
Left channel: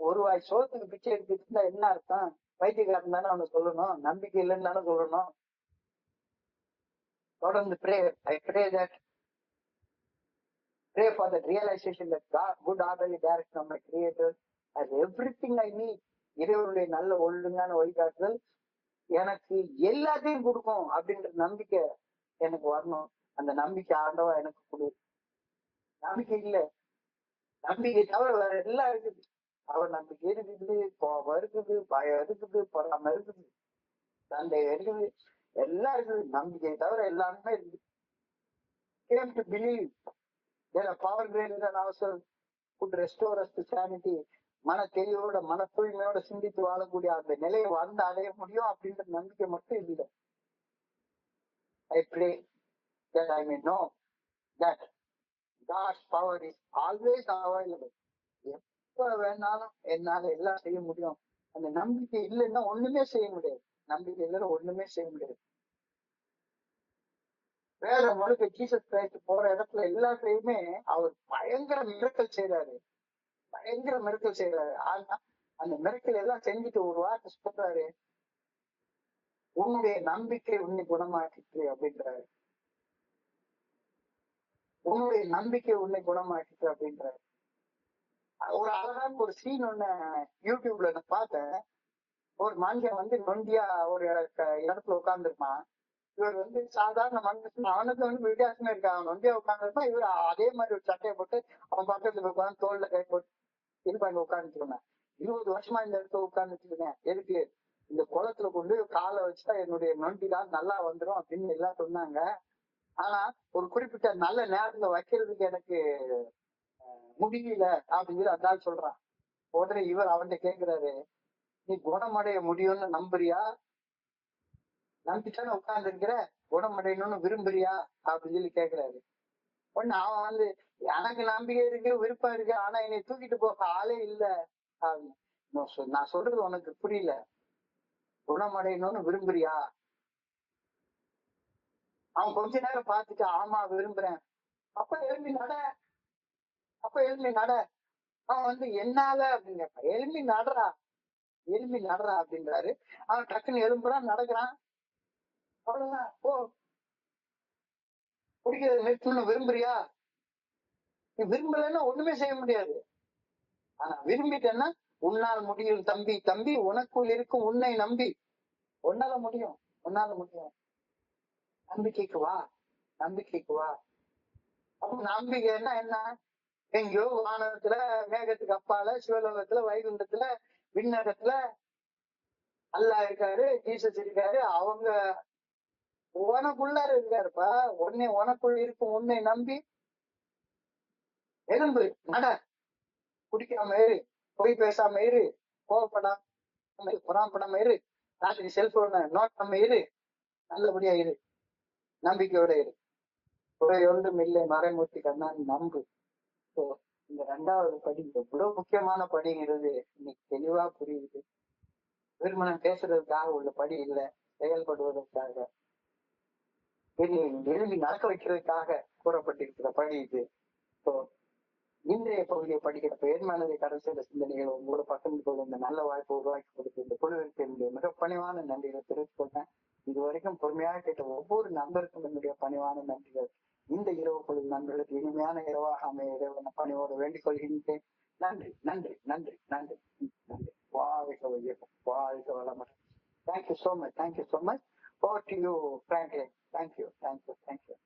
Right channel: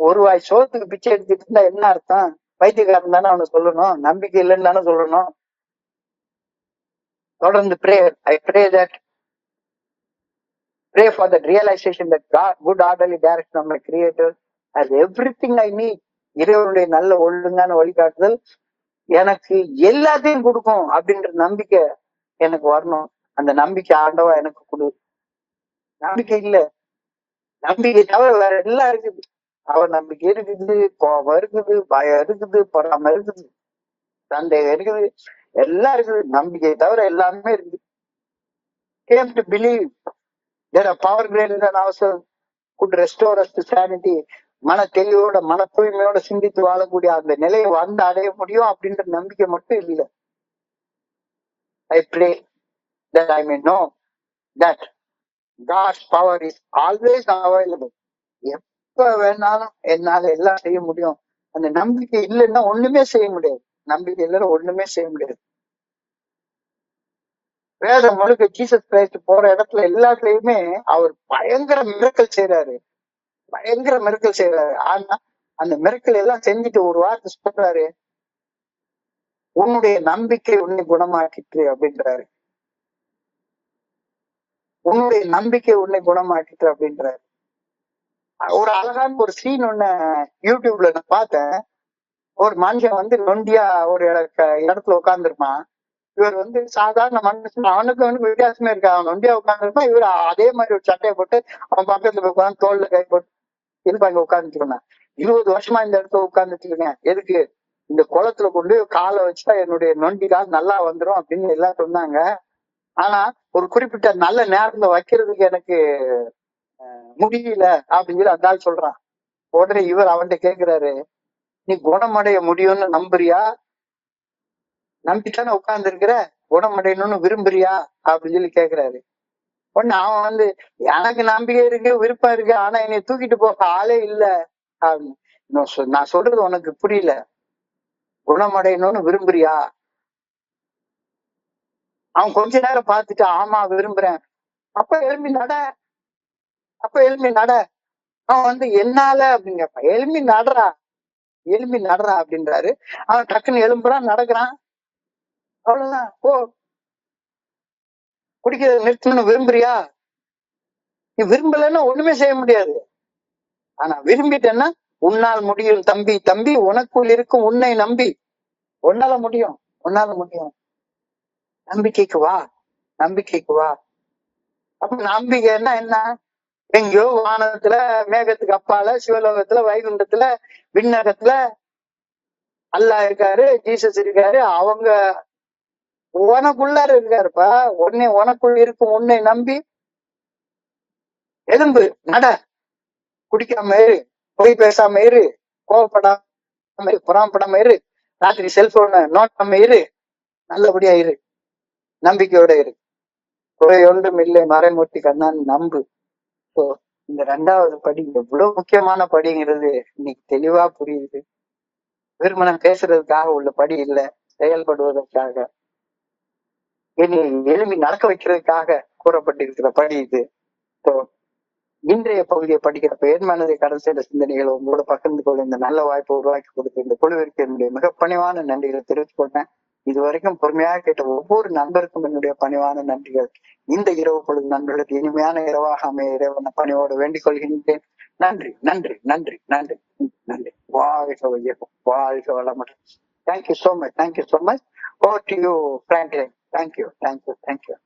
ஒரு வாய் சோத்துக்கு பிச்சை எடுத்துட்டு இருந்தா என்ன அர்த்தம்? பைத்தியக்காரன் தானே அவனை சொல்லணும், நம்பிக்கை இல்லைன்னு தானே சொல்லணும். தொடர்ந்து pray for that realization that God, good orderly direction of my creator has everything I need. இறைவனுடைய நல்ல ஒழுங்கான வழிகாட்டுதல் எனக்கு எல்லாத்தையும் கொடுக்கும் அப்படின்ற நம்பிக்கை எனக்கு வரணும். அந்த நம்பிக்கை ஆண்டவா எனக்கு கொடு. நம்பிக்கை இல்ல, நம்பிக்கை தவிர வேற எல்லாம் இருக்குது. அவர் நம்பிக்கை இருக்குது, கோபம் இருக்குது, பயம் இருக்குது, பொறாம இருக்குது, சந்தேகம் இருக்குது, எல்லாம் இருக்குது. நம்பிக்கை தவிர எல்லாமே இருக்குது. Came to believe there are power greater than ourselves could restore us to sanity. மன தெளிவோட மன தூய்மையோட சிந்தித்து வாழக்கூடிய அந்த நிலையை வந்து அடைய முடியும் அப்படின்ற நம்பிக்கை மட்டும் இல்லை. I pray that I may know that God's power is always available. எப்ப வேணாலும் என்னால எல்லாம் செய்ய முடியும். அந்த நம்பிக்கை இல்லைன்னா ஒண்ணுமே செய்ய முடியாது. நம்பிக்கை இல்லைன்னா ஒண்ணுமே செய்ய முடியாது. வேதம் முழுக்க ஜீசஸ் கிரைஸ்ட் போற இடத்துல எல்லாத்துலயுமே அவர் பயங்கர மிரக்கல் செய்யறாரு, பயங்கர மிரக்கல் செய்யறாரு. ஆனா அந்த மிரக்கல் எல்லாம் செஞ்சுட்டு ஒரு வார்த்தை சொல்றாரு, உன்னுடைய நம்பிக்கை உன்னை குணமாக்கிட்டு அப்படின்றாரு. உன்னுடைய நம்பிக்கை உன்னை குணமாக்கிட்டு அப்படின்றாரு. ஒரு அழகான ஒரு சீன் ஒண்ணு யூடியூப்ல நான் பார்த்தேன். ஒரு மனுஷன் நொண்டியா ஒரு இடத்துல உட்கார்ந்துருப்பான். இவர் சாதாரண மனுஷன், அவனுக்கு வித்தியாசமே இருக்கா. அவன் நொண்டியா உட்கார்ந்துருப்பான். இவர் அதே மாதிரி ஒரு சட்டையை போட்டு அவன் பக்கத்துல போய் உட்காந்து தோல்ல கை போட்டு இருப்பாங்க உட்கார்ந்துருந்தான். 20 வருஷமா இந்த இடத்துல உட்கார்ந்துட்டு இருக்கேன். எதுக்கு? இந்த குளத்துல கொண்டு போய் காலை வச்சா என்னுடைய நொண்டி கால் நல்லா வந்துரும் அப்படின்னு எல்லாம் சொன்னாங்க. ஆனா ஒரு குறிப்பிட்ட நல்ல நேரத்துல வைக்கிறதுக்கு எனக்கு முடியல அப்படின்னு சொல்லி அந்த ஆள் சொல்றான். உடனே இவர் அவன்கிட்ட கேக்குறாரு, நீ குணமடைய முடியும்னு நம்புறியா? நம்பித்தானே உட்கார்ந்து இருக்கிற, குணமடையணும்னு விரும்புறியா அப்படின்னு சொல்லி கேக்குறாரு. உடனே அவன் வந்து, எனக்கு நம்பிக்கை இருக்கு, விருப்பம் இருக்கு, ஆனா என்னை தூக்கிட்டு போக ஆளே இல்ல அப்படின்னு. நான் சொல்றது உனக்கு புரியல. குணமடையணும்னு விரும்புறியா? அவன் கொஞ்ச நேரம் பார்த்துட்டு, ஆமா விரும்புறேன். அப்ப எழும்பி நட, அப்ப எழும்பி நட. அவன் வந்து என்னால அப்படின்னு கேட்பான். எழும்பி நடறா, எழும்பி நடறா அப்படின்றாரு. அவன் டக்குன்னு எழும்புறான், நடக்கிறான். அவ்வளவுதான். ஓ, குடிக்கிறத நிறுத்தணும்னு விரும்புறியா? நீ விரும்பலன்னா ஒண்ணுமே செய்ய முடியாது. ஆனா விரும்பிட்டேன்னா உன்னால் முடியும் தம்பி, தம்பி உனக்குள் இருக்கும் உன்னை நம்பி உன்னால முடியும், உன்னால முடியும். நம்பிக்கைக்கு வா, நம்பிக்கைக்கு வா. அப்ப நம்பிக்கைன்னா என்ன? எங்கேயோ வானத்துல, மேகத்துக்கு அப்பால, சிவலோகத்துல, வைகுண்டத்துல, விண்ணகத்துல அல்லாஹ் இருக்காரு, ஜீசஸ் இருக்காரு. அவங்க உனக்குள்ளார இருக்காருப்பா. உனக்குள் இருக்கும் உன்னை நம்பி எலும்பு நட. குடிக்காம இரு, பொய் பேசாம இரு, கோவப்படாம இரு, புறாமப்படாம இரு, ராத்திரி செல்போனை நோட்டாம இரு, நல்லபடியா இரு, நம்பிக்கையோட இரு. குறை ஒன்றும் இல்லை மறைமூர்த்தி கண்ணான் நம்பு. ஸோ இந்த 2வது படி எவ்வளவு முக்கியமான படிங்கிறது இன்னைக்கு தெளிவா புரியுது. விருமணம் பேசுறதுக்காக உள்ள படி இல்லை, செயல்படுவதற்காக, இனி எழுப்பி நடக்க வைக்கிறதுக்காக கூறப்பட்டிருக்கிற படி இது. ஸோ இன்றைய பகுதியை படிக்கிறப்ப என் மனதை கடல் செய்த சிந்தனைகளை உங்களோட பகிர்ந்து கொள்ள இந்த நல்ல வாய்ப்பை உருவாக்கி கொடுத்த இந்த குழுவிற்கு என்னுடைய மிக பணிவான நன்றிகளை தெரிவித்துக் கொண்டேன். இதுவரைக்கும் பொறுமையாக கேட்ட ஒவ்வொரு நண்பருக்கும் என்னுடைய பணிவான நன்றிகள். இந்த இரவு பொழுது நண்பர்களுக்கு இனிமையான இரவாக அமைய இறைவன பணியோடு வேண்டிக் கொள்கின்றேன். நன்றி, நன்றி, நன்றி, நன்றி, நன்றி. வாழ்க வையகம், வாழ்க வளமுடன். Thank you so much, thank you so much. Over to you, Franklin. Thank you, thank you, thank you.